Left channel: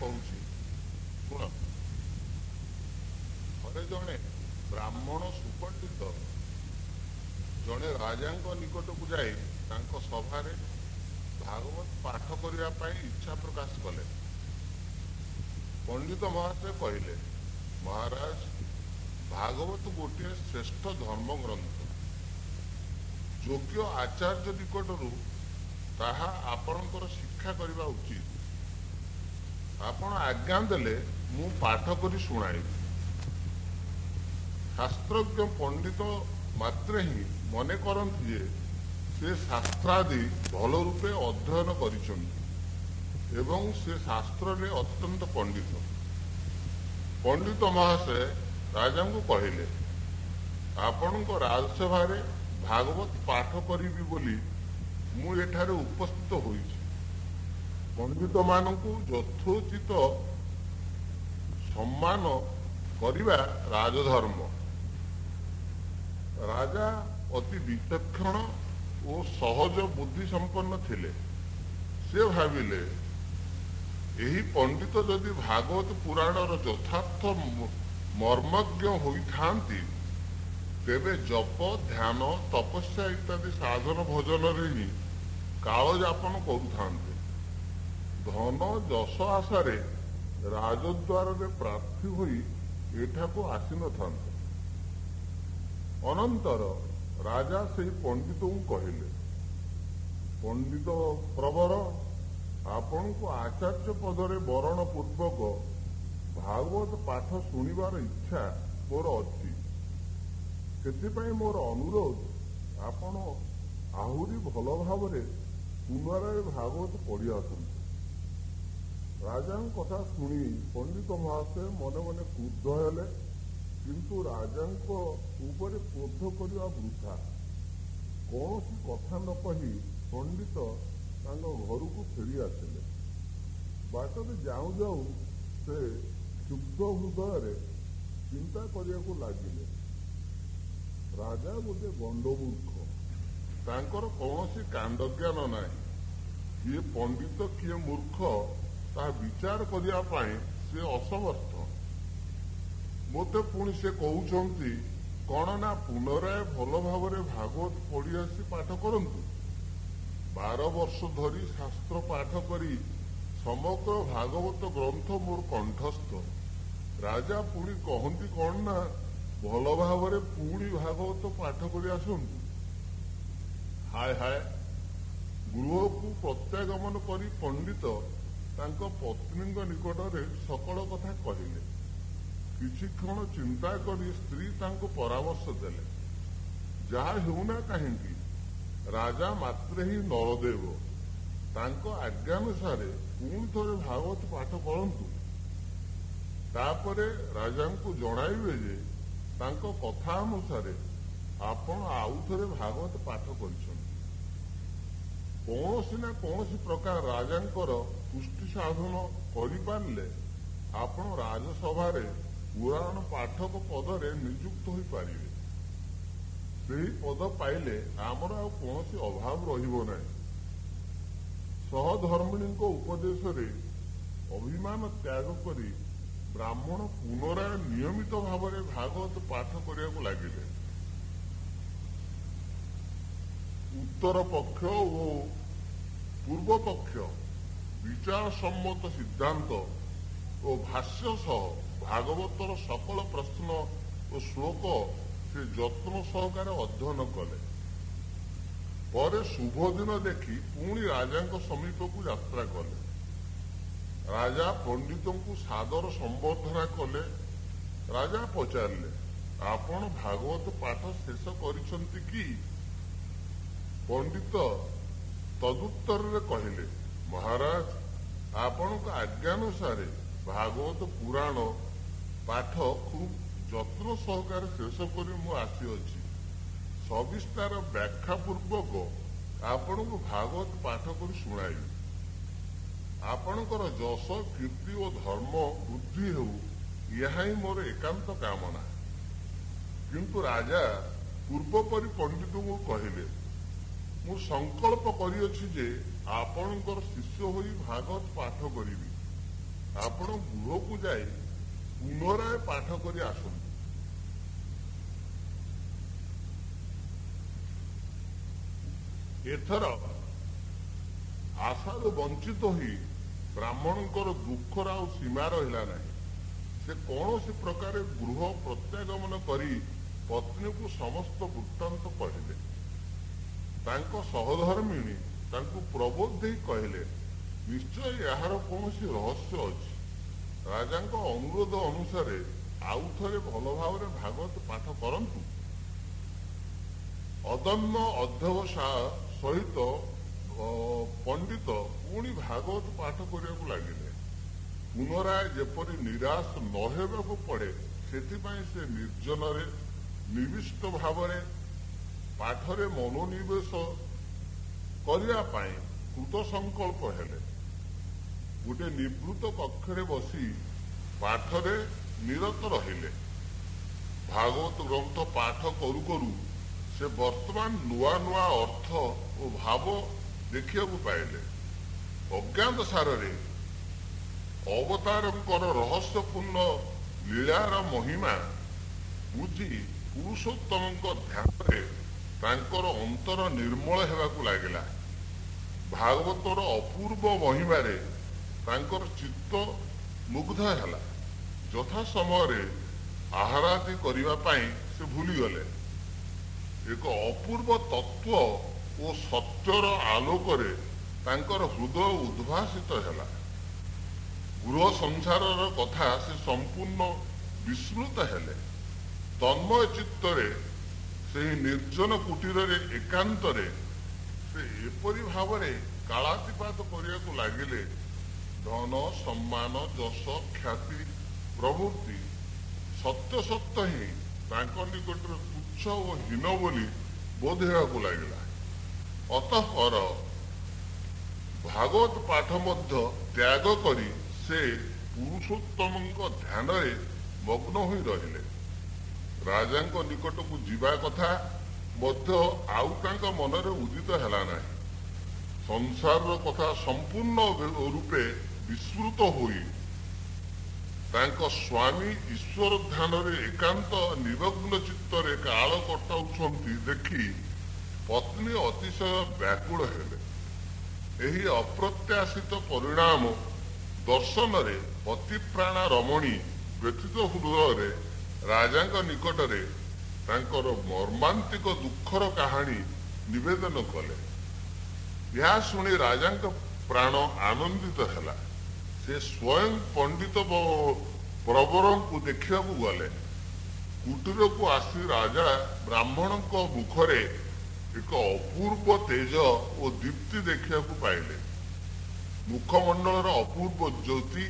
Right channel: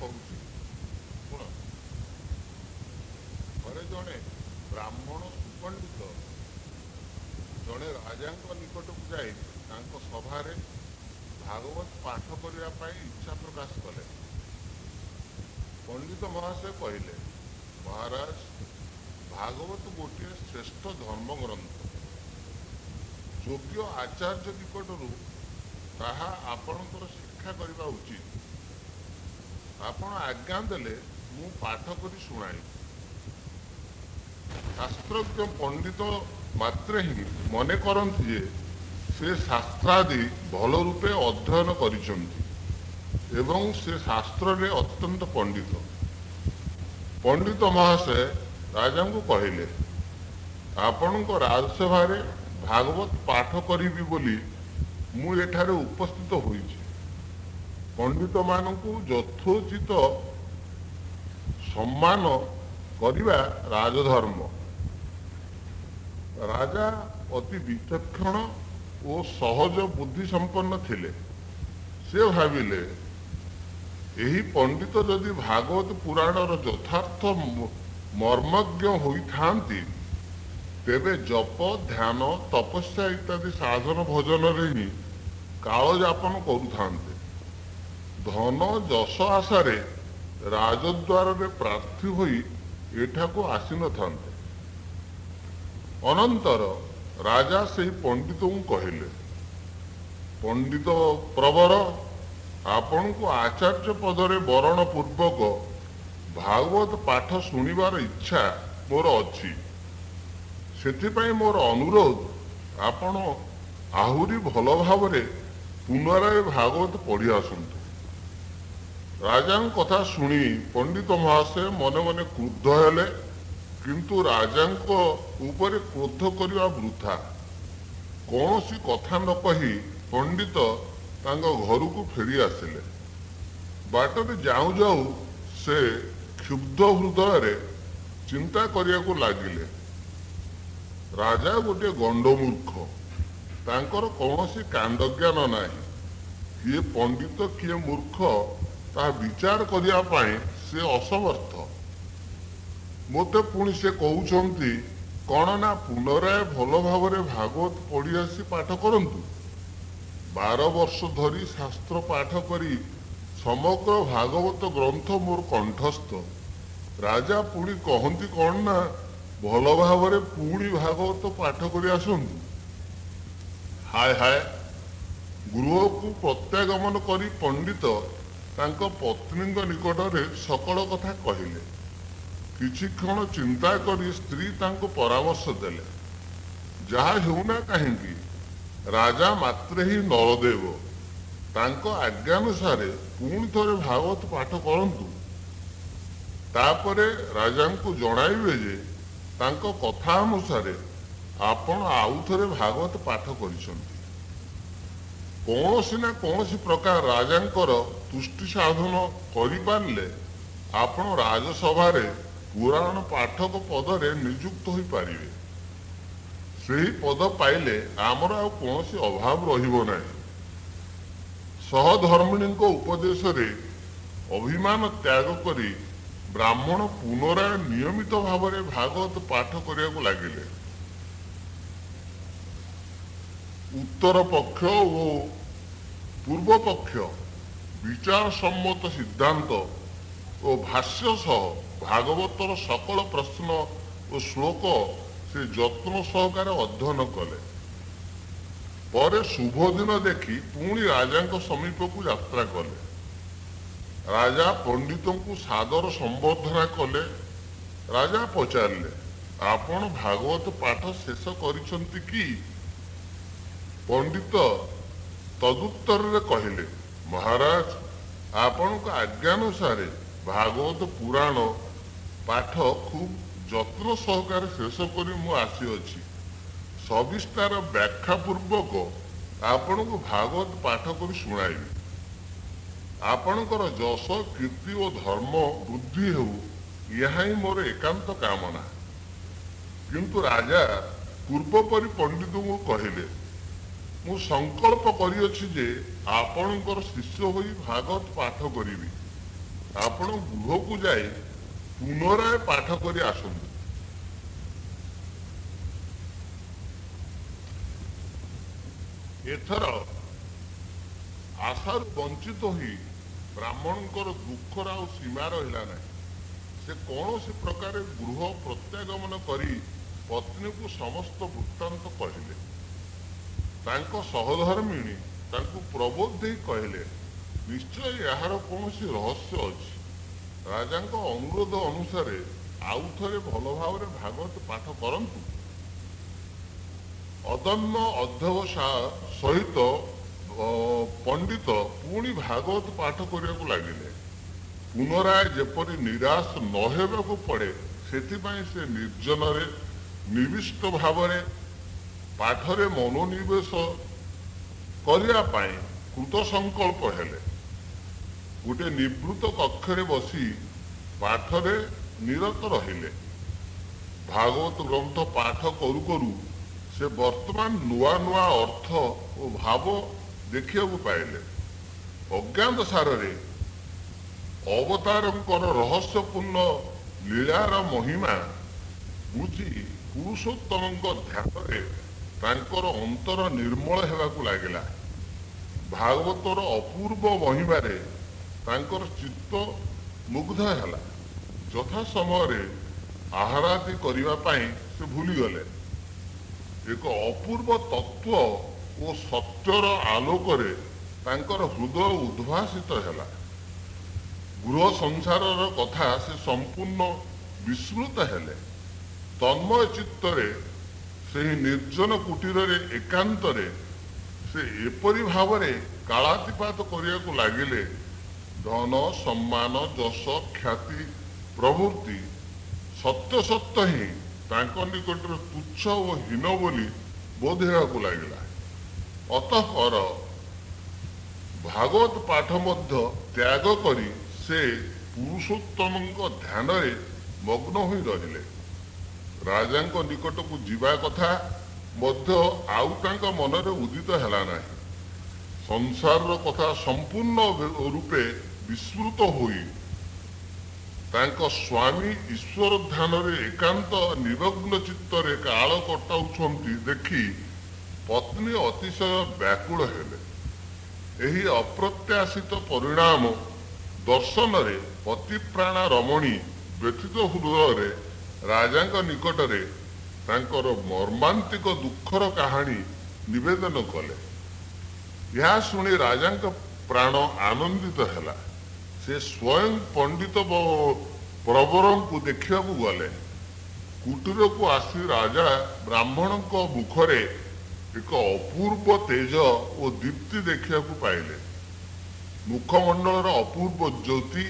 କହୁଛି ଶୁଣ। ଥରେ ଜଣେ ବ୍ରାହ୍ମଣ ସୁପଣ୍ଡିତ ଜଣେ ରାଜାଙ୍କ ନିକଟକୁ ଯାଇ ତାଙ୍କ ସଭାରେ ଭାଗବତ ପାଠ କରିବା ପାଇଁ ଇଚ୍ଛା ପ୍ରକାଶ କଲେ। ପଣ୍ଡିତ ମହାଶୟ କହିଲେ, ମହାରାଜ, ଭାଗବତ ଗୋଟିଏ ଶ୍ରେଷ୍ଠ ଧର୍ମ ଗ୍ରନ୍ଥ। ଯୋଗ୍ୟ ଆଚାର୍ଯ୍ୟ ନିକଟରୁ ତାହା ଆପଣଙ୍କର ଶିକ୍ଷା କରିବା ଉଚିତ। ଆପଣ ଆଜ୍ଞା ଦେଲେ ମୁଁ ପାଠ କରି ଶୁଣାଇବି। ଶାସ୍ତ୍ରଜ୍ଞ ପଣ୍ଡିତ ମାତ୍ରେ ହିଁ ମନେ କରନ୍ତି ଯେ ସେ ଶାସ୍ତ୍ରାଦି ଭଲ ରୂପେ ଅଧ୍ୟୟନ କରିଛନ୍ତି ଏବଂ ସେ ଶାସ୍ତ୍ରରେ ଅତ୍ୟନ୍ତ ପଣ୍ଡିତ। ପଣ୍ଡିତ ମହାଶୟ ରାଜାଙ୍କୁ କହିଲେ, ଆପଣଙ୍କ ରାଜସଭାରେ ଭାଗବତ ପାଠ କରିବି ବୋଲି ମୁଁ ଏଠାରେ ଉପସ୍ଥିତ ହୋଇଛି। ପଣ୍ଡିତମାନଙ୍କୁ ଯଥୋଚିତ ସମ୍ମାନ କରିବା ରାଜଧର୍ମ। ରାଜା ଅତି ବିଚକ୍ଷଣ ଓ ସହଜ ବୁଦ୍ଧି ସମ୍ପନ୍ନ ଥିଲେ। ସେ ଭାବିଲେ, ଏହି ପଣ୍ଡିତ ଯଦି ଭାଗବତ ପୁରାଣର ଯଥାର୍ଥ ମର୍ମଜ୍ଞ ହୋଇଥାନ୍ତି ତେବେ ଜପ, ଧ୍ୟାନ, ତପସ୍ୟା ଇତ୍ୟାଦି ସାଧନ ଭଜନରେ ହିଁ କାଳଯାପନ କରୁଥାନ୍ତେ। ଧନ ଯଶ ଆଶାରେ ରାଜଦ୍ୱାରରେ ପ୍ରାର୍ଥୀ ହୋଇ ଏଠାକୁ ଆସିନଥାନ୍ତେ। ଅନନ୍ତର ରାଜା ସେହି ପଣ୍ଡିତଙ୍କୁ କହିଲେ, ପଣ୍ଡିତ ପ୍ରବର, ଆପଣଙ୍କୁ ଆଚାର୍ଯ୍ୟ ପଦରେ ବରଣ ପୂର୍ବକ ଭାଗବତ ପାଠ ଶୁଣିବାର ଇଚ୍ଛା ମୋର ଅଛି। ସେଥିପାଇଁ ମୋର ଅନୁରୋଧ, ଆପଣ ଆହୁରି ଭଲ ଭାବରେ ପୁନରାୟ ଭାଗବତ ପଢ଼ି ଆସନ୍ତୁ। ରାଜାଙ୍କ କଥା ଶୁଣି ପଣ୍ଡିତ ମହାଶୟ ମନେ ମନେ କ୍ରୁଦ୍ଧ ହେଲେ, କିନ୍ତୁ ରାଜାଙ୍କ ଉପରେ କ୍ରୋଧ କରିବା ବୃଥା। କୌଣସି କଥା ନ କହି ପଣ୍ଡିତ ତାଙ୍କ ଘରକୁ ଫେରି ଆସିଲେ। ବାଟରେ ଯାଉଁ ଯାଉଁ ସେ କ୍ଷୁବ୍ଧ ହୃଦୟରେ ଚିନ୍ତା କରିବାକୁ ଲାଗିଲେ, ରାଜା ଗୋଟିଏ ଗଣ୍ଡମୂର୍ଖ। ତାଙ୍କର କୌଣସି କାଣ୍ଡଜ୍ଞାନ ନାହିଁ। କିଏ ପଣ୍ଡିତ କିଏ ମୂର୍ଖ ତାହା ବିଚାର କରିବା ପାଇଁ ସେ ଅସମର୍ଥ। ମୋତେ ପୁଣି ସେ କହୁଛନ୍ତି କ'ଣ ନା ପୁନରାୟ ଭଲ ଭାବରେ ଭାଗବତ ପଢ଼ି ଆସି ପାଠ କରନ୍ତୁ। 12 ବର୍ଷ ଧରି ଶାସ୍ତ୍ର ପାଠ କରି ସମଗ୍ର ଭାଗବତ ଗ୍ରନ୍ଥ ମୋର କଣ୍ଠସ୍ଥ। ରାଜା ପୁଣି କହନ୍ତି କ'ଣ ନା ଭଲ ଭାବରେ ପୁଣି ଭାଗବତ ପାଠ କରି ଆସନ୍ତୁ। ହାୟ ହାୟ। ଗୃହକୁ ପ୍ରତ୍ୟାଗମନ କରି ପଣ୍ଡିତ ତାଙ୍କ ପତ୍ନୀଙ୍କ ନିକଟରେ ସକଳ କଥା କହିଲେ। କିଛି କ୍ଷଣ ଚିନ୍ତା କରି ସ୍ତ୍ରୀ ତାଙ୍କୁ ପରାମର୍ଶ ଦେଲେ, ଯାହା ହେଉନା କାହିଁକି ରାଜା ମାତ୍ରେ ହିଁ ନରଦେବ। ତାଙ୍କ ଆଜ୍ଞାନୁସାରେ ପୁଣି ଥରେ ଭାଗବତ ପାଠ କରନ୍ତୁ। ତାପରେ ରାଜାଙ୍କୁ ଜଣାଇବେ ଯେ ତାଙ୍କ କଥା ଅନୁସାରେ ଆପଣ ଆଉ ଥରେ ଭାଗବତ ପାଠ କରିଛନ୍ତି। କୌଣସି ନା କୌଣସି ପ୍ରକାର ରାଜାଙ୍କର ତୁଷ୍ଟି ସାଧନ କରିପାରିଲେ ଆପଣ ରାଜସଭାରେ ପୁରାଣ ପାଠକ ପଦରେ ନିଯୁକ୍ତ ହୋଇପାରିବେ। ସେହି ପଦ ପାଇଲେ ଆମର ଆଉ କୌଣସି ଅଭାବ ରହିବ ନାହିଁ। ସହଧର୍ମିଣୀଙ୍କ ଉପଦେଶରେ ଅଭିମାନ ତ୍ୟାଗ କରି ବ୍ରାହ୍ମଣ ପୁନରାୟ ନିୟମିତ ଭାବରେ ଭାଗବତ ପାଠ କରିବାକୁ ଲାଗିଲେ। ଉତ୍ତର ପକ୍ଷ ଓ ପୂର୍ବ ପକ୍ଷ ବିଚାର ସମ୍ମତ ସିଦ୍ଧାନ୍ତ ଓ ଭାଷ୍ୟ ସହ ଭାଗବତର ସକଳ ପ୍ରଶ୍ନ ଓ ଶ୍ଲୋକ ସେ ଯତ୍ନ ସହକାରେ ଅଧ୍ୟୟନ କଲେ। ପରେ ଶୁଭ ଦିନ ଦେଖି ପୁଣି ରାଜାଙ୍କ ସମୀପକୁ ଯାତ୍ରା କଲେ। ରାଜା ପଣ୍ଡିତଙ୍କୁ ସାଦର ସମ୍ବର୍ଦ୍ଧନା କଲେ। ରାଜା ପଚାରିଲେ, ଆପଣ ଭାଗବତ ପାଠ ଶେଷ କରିଛନ୍ତି କି? ପଣ୍ଡିତ ତଦୁତ୍ତରରେ କହିଲେ, ମହାରାଜ, ଆପଣଙ୍କ ଆଜ୍ଞାନୁସାରେ ଭାଗବତ ପୁରାଣ ପାଠ ଖୁବ୍ ଯତ୍ନ ସହକାରେ ଶେଷ କରି ମୁଁ ଆସିଅଛି। ସବିସ୍ତାର ବ୍ୟାଖ୍ୟା ପୂର୍ବକ ଆପଣଙ୍କୁ ଭାଗବତ ପାଠ କରି ଶୁଣାଇବି। ଆପଣଙ୍କର ଯଶ, କୀର୍ତ୍ତି ଓ ଧର୍ମ ବୃଦ୍ଧି ହେଉ, ଏହା ହିଁ ମୋର ଏକାନ୍ତ କାମନା। କିନ୍ତୁ ରାଜା ପୂର୍ବପରି ପଣ୍ଡିତଙ୍କୁ କହିଲେ, ମୁଁ ସଂକଳ୍ପ କରିଅଛି ଯେ ଆପଣଙ୍କର ଶିଷ୍ୟ ହୋଇ ଭାଗବତ ପାଠ କରିବି। ଆପଣ ଗୃହକୁ ଯାଇ ପୁନରାୟ ପାଠ କରି ଆସନ୍ତୁ। ଏଥର ଆଶାରୁ ବଞ୍ଚିତ ହୋଇ ବ୍ରାହ୍ମଣଙ୍କର ଦୁଃଖର ଆଉ ସୀମା ରହିଲା ନାହିଁ। ସେ କୌଣସି ପ୍ରକାରେ ଗୃହ ପ୍ରତ୍ୟାଗମନ କରି ପତ୍ନୀକୁ ସମସ୍ତ ବୃତ୍ତାନ୍ତ କହିଲେ। ତାଙ୍କ ସହଧର୍ମିଣୀ ତାଙ୍କୁ ପ୍ରବୋଧ ଦେଇ କହିଲେ, ନିଶ୍ଚୟ ଏହାର କୌଣସି ରହସ୍ୟ ଅଛି। ରାଜାଙ୍କ ଅନୁରୋଧ ଅନୁସାରେ ଆଉ ଥରେ ଭଲ ଭାବରେ ଭାଗବତ ପାଠ କରନ୍ତୁ। ଅଦମ୍ୟ ଅଧ୍ୟବସାୟ ସହିତ ପଣ୍ଡିତ ପୁଣି ଭାଗବତ ପାଠ କରିବାକୁ ଲାଗିଲେ। ପୁନରାୟ ଯେପରି ନିରାଶ ନ ହେବାକୁ ପଡ଼େ ସେଥିପାଇଁ ସେ ନିର୍ଜନରେ ନିବିଷ୍ଟ ଭାବରେ ପାଠରେ ମନୋନିବେଶ କରିବା ପାଇଁ କୃତ ସଂକଳ୍ପ ହେଲେ। ଗୋଟେ ନିବୃତ କକ୍ଷରେ ବସି ପାଠରେ ନିରତ ରହିଲେ। ଭାଗବତ ଗ୍ରନ୍ଥ ପାଠ କରୁ କରୁ ସେ ବର୍ତ୍ତମାନ ନୂଆ ନୂଆ ଅର୍ଥ ଓ ଭାବ ଦେଖିବାକୁ ପାଇଲେ। ଅଜ୍ଞାତ ସାରରେ ଅବତାରଙ୍କର ରହସ୍ୟପୂର୍ଣ୍ଣ ଲୀଳାର ମହିମା ବୁଝି ପୁରୁଷୋତ୍ତମଙ୍କ ଧ୍ୟାନରେ ତାଙ୍କର ଅନ୍ତର ନିର୍ମଳ ହେବାକୁ ଲାଗିଲା। ଭାଗବତର ଅପୂର୍ବ ମହିମାରେ ତାଙ୍କର ଚିତ୍ତ ମୁଗ୍ଧ ହେଲା। ଯଥା ସମୟରେ ଆହାରାଦି କରିବା ପାଇଁ ସେ ଭୁଲିଗଲେ। ଏକ ଅପୂର୍ବ ତତ୍ତ୍ୱ ଓ ସତ୍ୟର ଆଲୋକରେ ତାଙ୍କର ହୃଦୟ ଉଦ୍ଭାସିତ ହେଲା। ଗୃହ ସଂସାରର କଥା ସେ ସମ୍ପୂର୍ଣ୍ଣ ବିସ୍ମୃତ ହେଲେ। ତନ୍ମୟ ଚିତ୍ତରେ ସେହି ନିର୍ଜନ କୁଟୀରରେ ଏକାନ୍ତରେ ସେ ଏପରି ଭାବରେ କାଳାତିପାତ କରିବାକୁ ଲାଗିଲେ, ଧନ ସମ୍ମାନ ଯଶ ଖ୍ୟାତି ପ୍ରଭୃତି ସତ୍ୟ ସତ୍ୟ ହିଁ ତାଙ୍କ ନିକଟରେ ତୁଚ୍ଛ ଓ ହୀନ ବୋଲି ବୋଧ ହେବାକୁ ଲାଗିଲା। ଅତଃପର ଭାଗବତ ପାଠ ମଧ୍ୟ ତ୍ୟାଗ କରି ସେ ପୁରୁଷୋତ୍ତମଙ୍କ ଧ୍ୟାନରେ ମଗ୍ନ ହୋଇ ରହିଲେ। ରାଜାଙ୍କ ନିକଟକୁ ଯିବା କଥା ମଧ୍ୟ ଆଉ ତାଙ୍କ ମନରେ ଉଦିତ ହେଲା ନାହିଁ। ସଂସାରର କଥା ସମ୍ପୂର୍ଣ୍ଣ ରୂପେ ବିସ୍ମୃତ ହୋଇ ତାଙ୍କ ସ୍ୱାମୀ ଈଶ୍ୱର ଧ୍ୟାନରେ ଏକାନ୍ତ ନିମଗ୍ନ ଚିତ୍ତରେ କାଳ କଟାଉଛନ୍ତି ଦେଖି ପତ୍ନୀ ଅତିଶୟ ବ୍ୟାକୁଳ ହେଲେ। ଏହି ଅପ୍ରତ୍ୟାଶିତ ପରିଣାମ ଦର୍ଶନରେ ପତିପ୍ରାଣା ରମଣୀ ବ୍ୟଥିତ ହୃଦୟରେ ରାଜାଙ୍କ ନିକଟରେ ତାଙ୍କର ମର୍ମାନ୍ତିକ ଦୁଃଖର କାହାଣୀ ନିବେଦନ କଲେ। ଏହା ଶୁଣି ରାଜାଙ୍କ ପ୍ରାଣ ଆନନ୍ଦିତ ହେଲା। ସେ ସ୍ୱୟଂ ପଣ୍ଡିତ ପ୍ରବରଙ୍କୁ ଦେଖିବାକୁ ଗଲେ। କୁଟୀରକୁ ଆସି ରାଜା ବ୍ରାହ୍ମଣଙ୍କ ମୁଖରେ ଏକ ଅପୂର୍ବ ତେଜ ଓ ଦୀପ୍ତି ଦେଖିବାକୁ ପାଇଲେ। ମୁଖମଣ୍ଡଳର ଅପୂର୍ବ ଜ୍ୟୋତି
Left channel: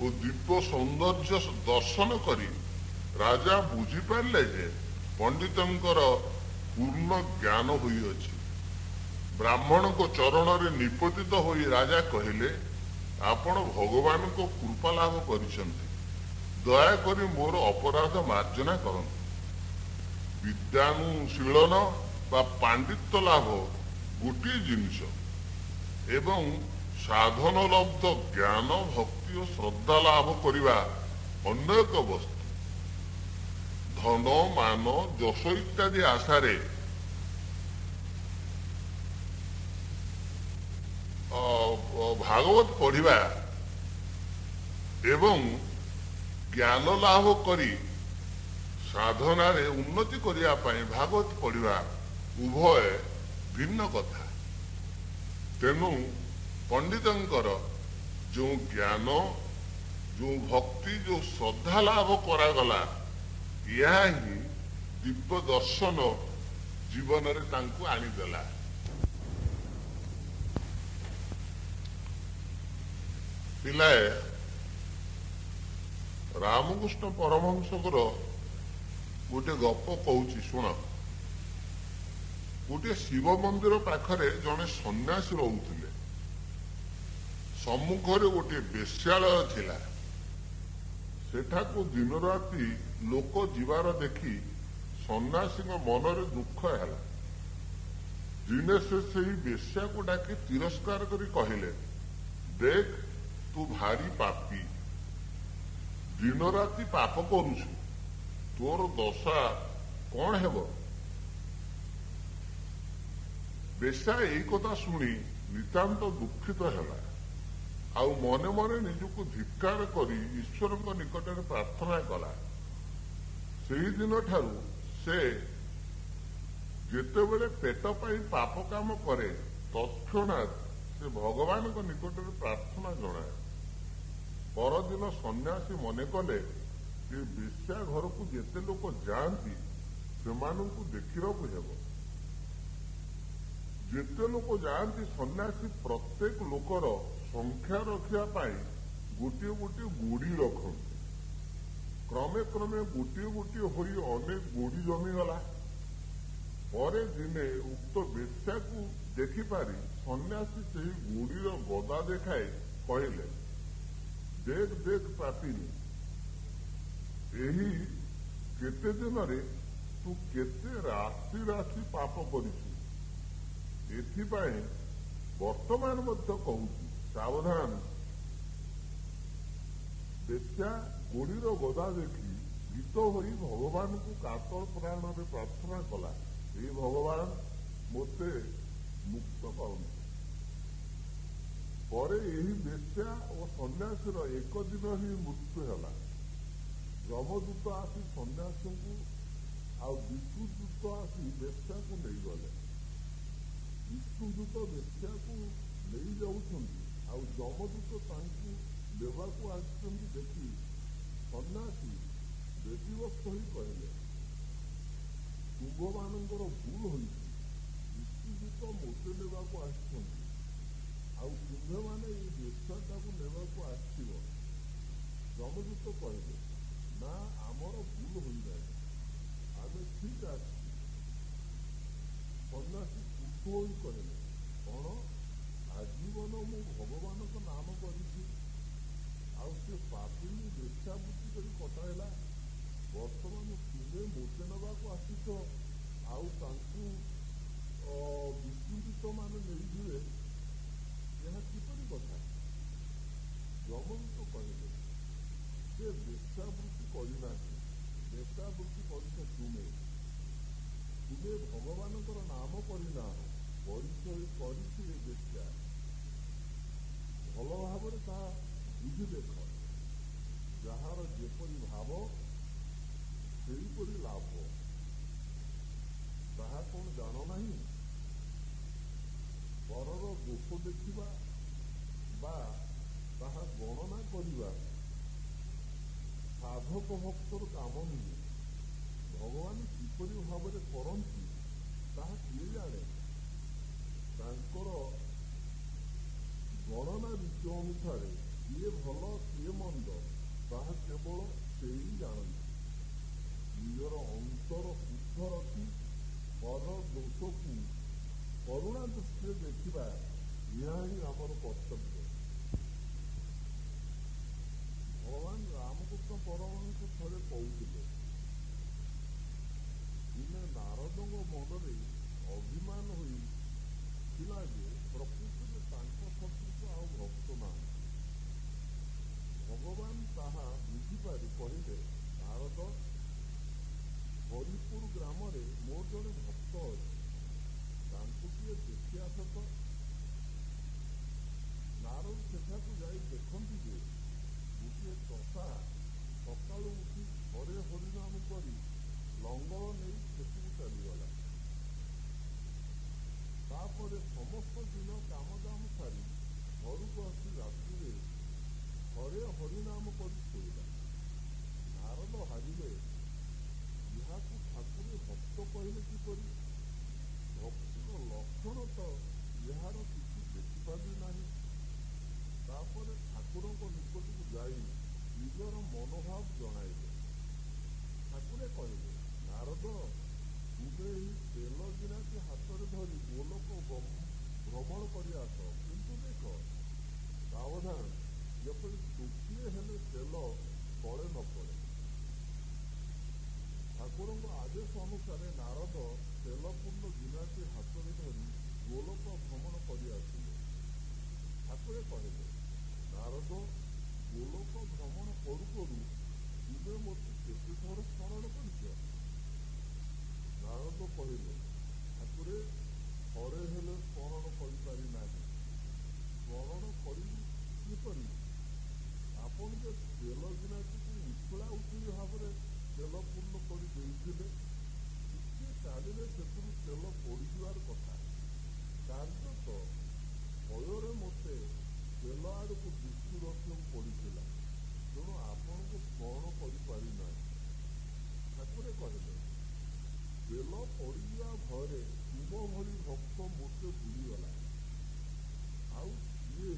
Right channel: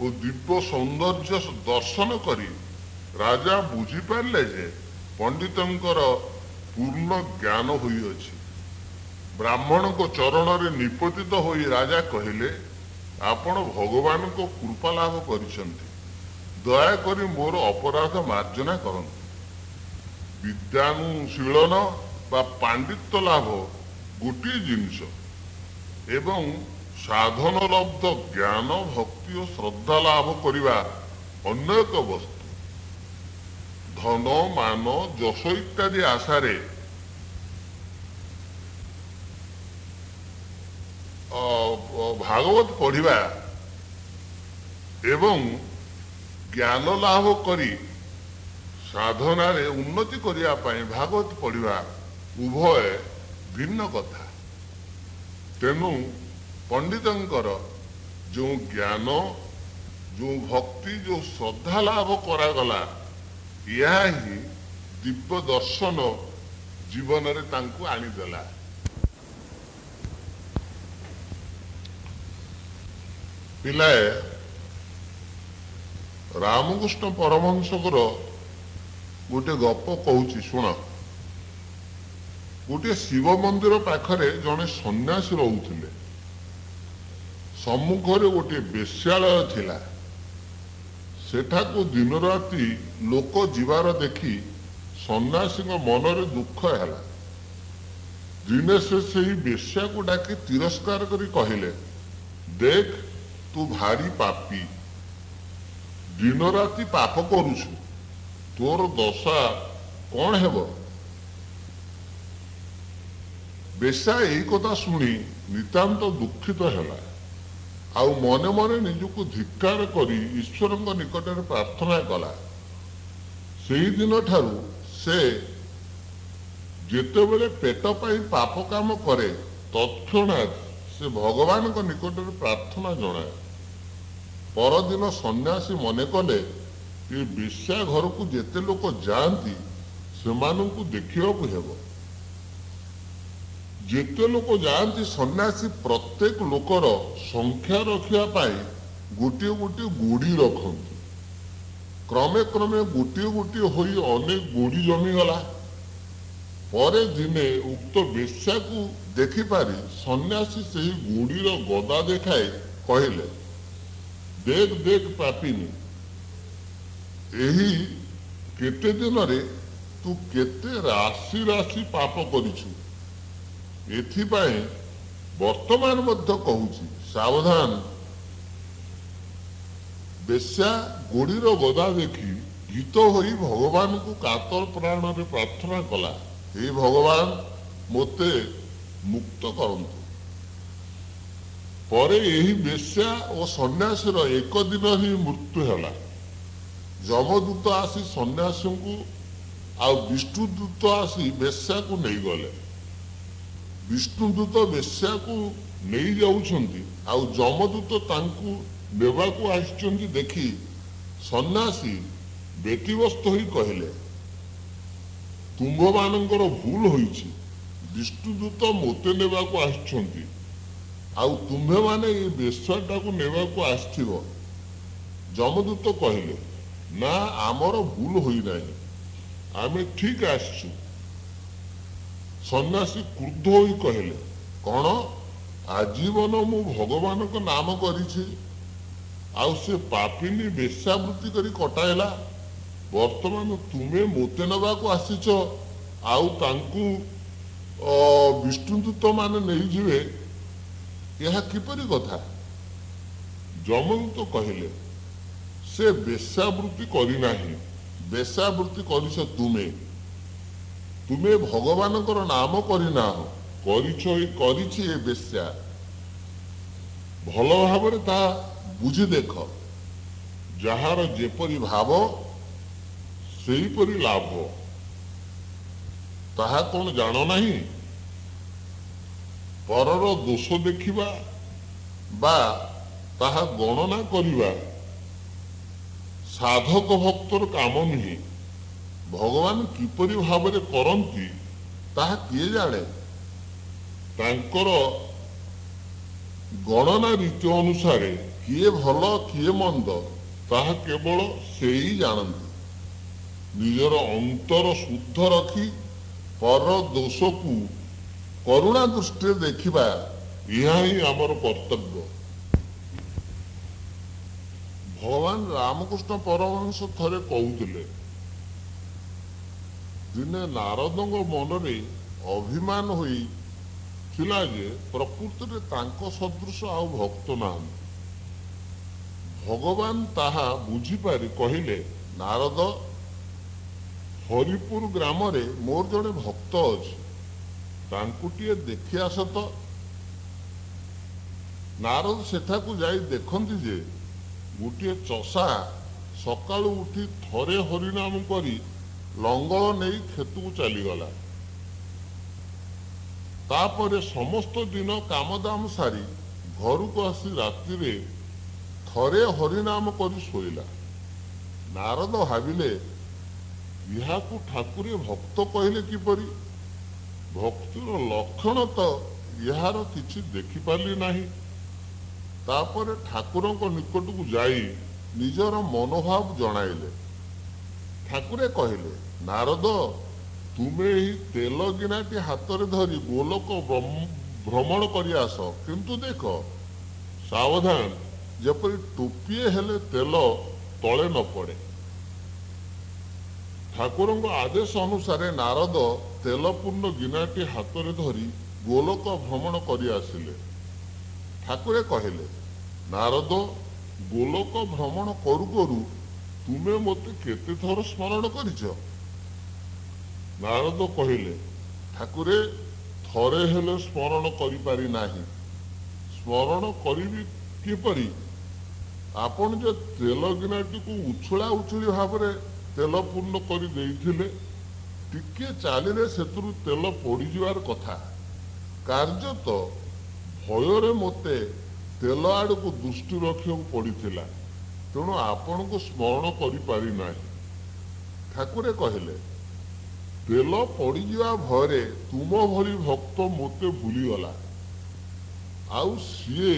ଓ ଦିବ୍ୟ ସୌନ୍ଦର୍ଯ୍ୟ ଦର୍ଶନ କରି ରାଜା ବୁଝିପାରିଲେ ଯେ ପଣ୍ଡିତଙ୍କର ପୂର୍ଣ୍ଣ ଜ୍ଞାନ ହୋଇଅଛି। ବ୍ରାହ୍ମଣଙ୍କ ଚରଣରେ ନିପତିତ ହୋଇ ରାଜା କହିଲେ, ଆପଣ ଭଗବାନଙ୍କ କୃପା ଲାଭ କରିଛନ୍ତି। ଦୟାକରି ମୋର ଅପରାଧ ମାର୍ଜନା କରନ୍ତୁ। ବିଦ୍ୟାନୁଶୀଳନ ବା ପାଣ୍ଡିତ୍ୟ ଲାଭ ଗୋଟିଏ ଜିନିଷ ଏବଂ ସାଧନ ଲବ୍ଧ ଜ୍ଞାନ ଭକ୍ତି ଓ ଶ୍ରଦ୍ଧା ଲାଭ କରିବା ଅନ୍ୟ ଏକ ବସ୍ତୁ। ଧନ ମାନ ଯଶ ଇତ୍ୟାଦି ଆଶାରେ ଭାଗବତ ପଢିବା ଏବଂ ଜ୍ଞାନ ଲାଭ କରି ସାଧନାରେ ଉନ୍ନତି କରିବା ପାଇଁ ଭାଗବତ ପଢିବା ଉଭୟ ଭିନ୍ନ କଥା। ତେଣୁ ପଣ୍ଡିତଙ୍କର ଯେଉଁ ଜ୍ଞାନ ଯେଉଁ ଭକ୍ତି ଯେଉଁ ଶ୍ରଦ୍ଧା ଲାଭ କରାଗଲା ଏହା ହିଁ ଦିବ୍ୟ ଦର୍ଶନ ଜୀବନରେ ତାଙ୍କୁ ଆଣିଦେଲା। ପିଲାଏ ରାମକୃଷ୍ଣ ପରମହଂସଙ୍କର ଗୋଟେ ଗପ କହୁଛି ଶୁଣ। ଗୋଟିଏ ଶିବ ମନ୍ଦିର ପାଖରେ ଜଣେ ସନ୍ନ୍ୟାସୀ ରହୁଥିଲେ। ସମ୍ମୁଖରେ ଗୋଟିଏ ବେଶ୍ୟାଳୟ ଥିଲା। ସେଠାକୁ ଦିନ ରାତି ଲୋକ ଯିବାର ଦେଖି ସନ୍ନ୍ୟାସୀଙ୍କ ମନରେ ଦୁଃଖ ହେଲା। ଦିନେ ସେ ସେହି ବେଶ୍ୟାକୁ ଡାକି ତିରସ୍କାର କରି କହିଲେ, ଦେଖ तू भारी पापी, दिन राति पाप करुछु, तोर दशा कौन हेब। बेशा यही कथा शुणी नितांत दुखित हेला, आउ मने मने निजको धिक्कार करी ईश्वर निकटर प्रार्थना कला। सेही दिन ठारू से जेतेबेले पेट पाई पाप काम करे तत्क्षणात से भगवान को निकटर प्रार्थना जनाए। परदिन सन्यासी मने कले ये बेश्या घर को जेते लोक जाती सेमानंकु देखिबाकु हेबो। जेते लोक जाती सन्यासी प्रत्येक लोकर संख्या रखिया पाई गोटे गोटे गोड़ी रखती। क्रमे क्रमे गोटे गोटे होई अनेक गोड़ी जमीगला। परे दिने उक्त बेश्या को देखि पारी सन्यासी सेही गोड़ीर गदा देखाए कहले, देख देख पापिनी, एही केते दिन रे तू केते राशि राशि पाप करिछु। एथिपाई वर्तमान मध्य कहूची सावधान। बेश्या गोड़ीर गदा देखी भीत होई भगवान को कातर प्राण रे प्रार्थना कला, हे भगवान मोते मुक्त करंतु। परे यही बेश्या और सन्यासी एक दिन ही मृत्यु है। जमदूत आसी सन्यासी को आ विष्णुदूत आसी बेश्या को नहीं गले। विष्णुदूत बेश्या को नहीं जाउछंती, आउ जमदूत तांकु नेबाकु आछंती देखी सन्यासी व्यतिव्यस्त होई कहले, तुंभ मानकर भूल होईछि। विष्णुदूत मोते नेबाकु आछंती, आउ तुम्हे माने ये बेश्याटा को नेबाकु आस्थिबो। जमदूत कहले, ना आमर भूल होई नाही, आमे ठीक आसछु। सन्यासी क्रुद्ध होई कहले, कौन आजीवन मु भगवान को नाम करिछि, आउ से पापिनी बेश्यावृत्ति करी कटाइला। वर्तमान तुमे मोते नेबाकु आसिछ, आउ तांकु विष्णुदूत माने नहीं जिवे, यह किपरि कथा। जमदूत कहले, से बेश्यावृत्ति करी नाही, बेश्यावृत्ति करिछ तुमे। तुमे भगवानकर नाम करी नाहो, करिछि ए बेश्या। भल भावरे ता बुझी देख, जहार जेपरि भाव सेहीपरि लाभ। ताहा कौन जान नाही। परर दोष देखिबा बा ताहा गणना करिबा साधक भक्तर काम नुहे। भगवान किपरि भावरे करंती ताहा किए जाने। तांकर गणना रीति अनुसार किए भल किए मंद ताहा केवल से ही जानती। निजर अंतर शुद्ध रखी पर दोष को करुणा दृष्टि देखिबा यह ही आमर कर्तव्य। भगवान रामकृष्ण परमहंस थरे कहूतिले, दिने नारदंग मनरे अभिमान होई थिला जे प्रकृति रे तांको सदृश आउ भक्त नाहंती। भगवान ताहा बुझी पारि कहिले, नारद हरिपुर ग्राम रे मोर जड़े भक्त अछि, तांकु टिए देखि आस तो। नारद सेठाकु जाई देखंती जे गोटे चषा सकाळु उठी थरे हरिनाम करी लंगल नहीं खेतु चलीगला। तापरे समस्त दिन कामदाम सारी घर को आसी राति रे थरे हरिनाम करी सोइला। नारद भाविले, इहाकु ठाकुरे भक्त कहले किपरि। भक्तिर लक्षण तो यार किछि देखि पाली नाही। तापरे ठाकुरों को निकट को जाई निजर मनोभाव जणाइले। ठाकुरे कहले, नारद तुमे ही तेल गिनाटी हाथ रे धरी गोलोक भ्रमण करि आस, किंतु देख सावधान जेपरि टोपिए हेले तेल तले न पड़े। ठाकुरों को आदेश अनुसार नारद तेलपूर्ण गिनाटी हाथ रे धरी गोलोक भ्रमण करि आसिले। ठाकुरे कहले, ନାରଦ, ଗୋଲକ ଭ୍ରମଣ କରୁ କରୁ ତୁମେ ମୋତେ କେତେ ଥର ସ୍ମରଣ କରିଛ? ନାରଦ କହିଲେ, ଠାକୁରେ, ଥରେ ହେଲେ ସ୍ମରଣ କରିପାରି ନାହିଁ। ସ୍ମରଣ କରିବି କିପରି? ଆପଣ ଯେ ତେଲ ଗିନାଟିକୁ ଉଛୁଳା ଉଛୁଳି ଭାବରେ ତେଲ ପୂର୍ଣ୍ଣ କରି ଦେଇଥିଲେ, ଟିକେ ଚାଲିଲେ ସେଥିରୁ ତେଲ ପଡ଼ିଯିବାର କଥା। କାର୍ଯ୍ୟତଃ ଭୟରେ ମୋତେ ତେଲ ଆଡ଼କୁ ଦୃଷ୍ଟି ରଖିବାକୁ ପଡ଼ିଥିଲା, ତେଣୁ ଆପଣଙ୍କୁ ସ୍ମରଣ କରିପାରି ନାହିଁ। ଠାକୁରେ କହିଲେ, ତେଲ ପଡ଼ିଯିବା ଭୟରେ ତୁମ ଭଳି ଭକ୍ତ ମୋତେ ଭୁଲିଗଲା। ଆଉ ସିଏ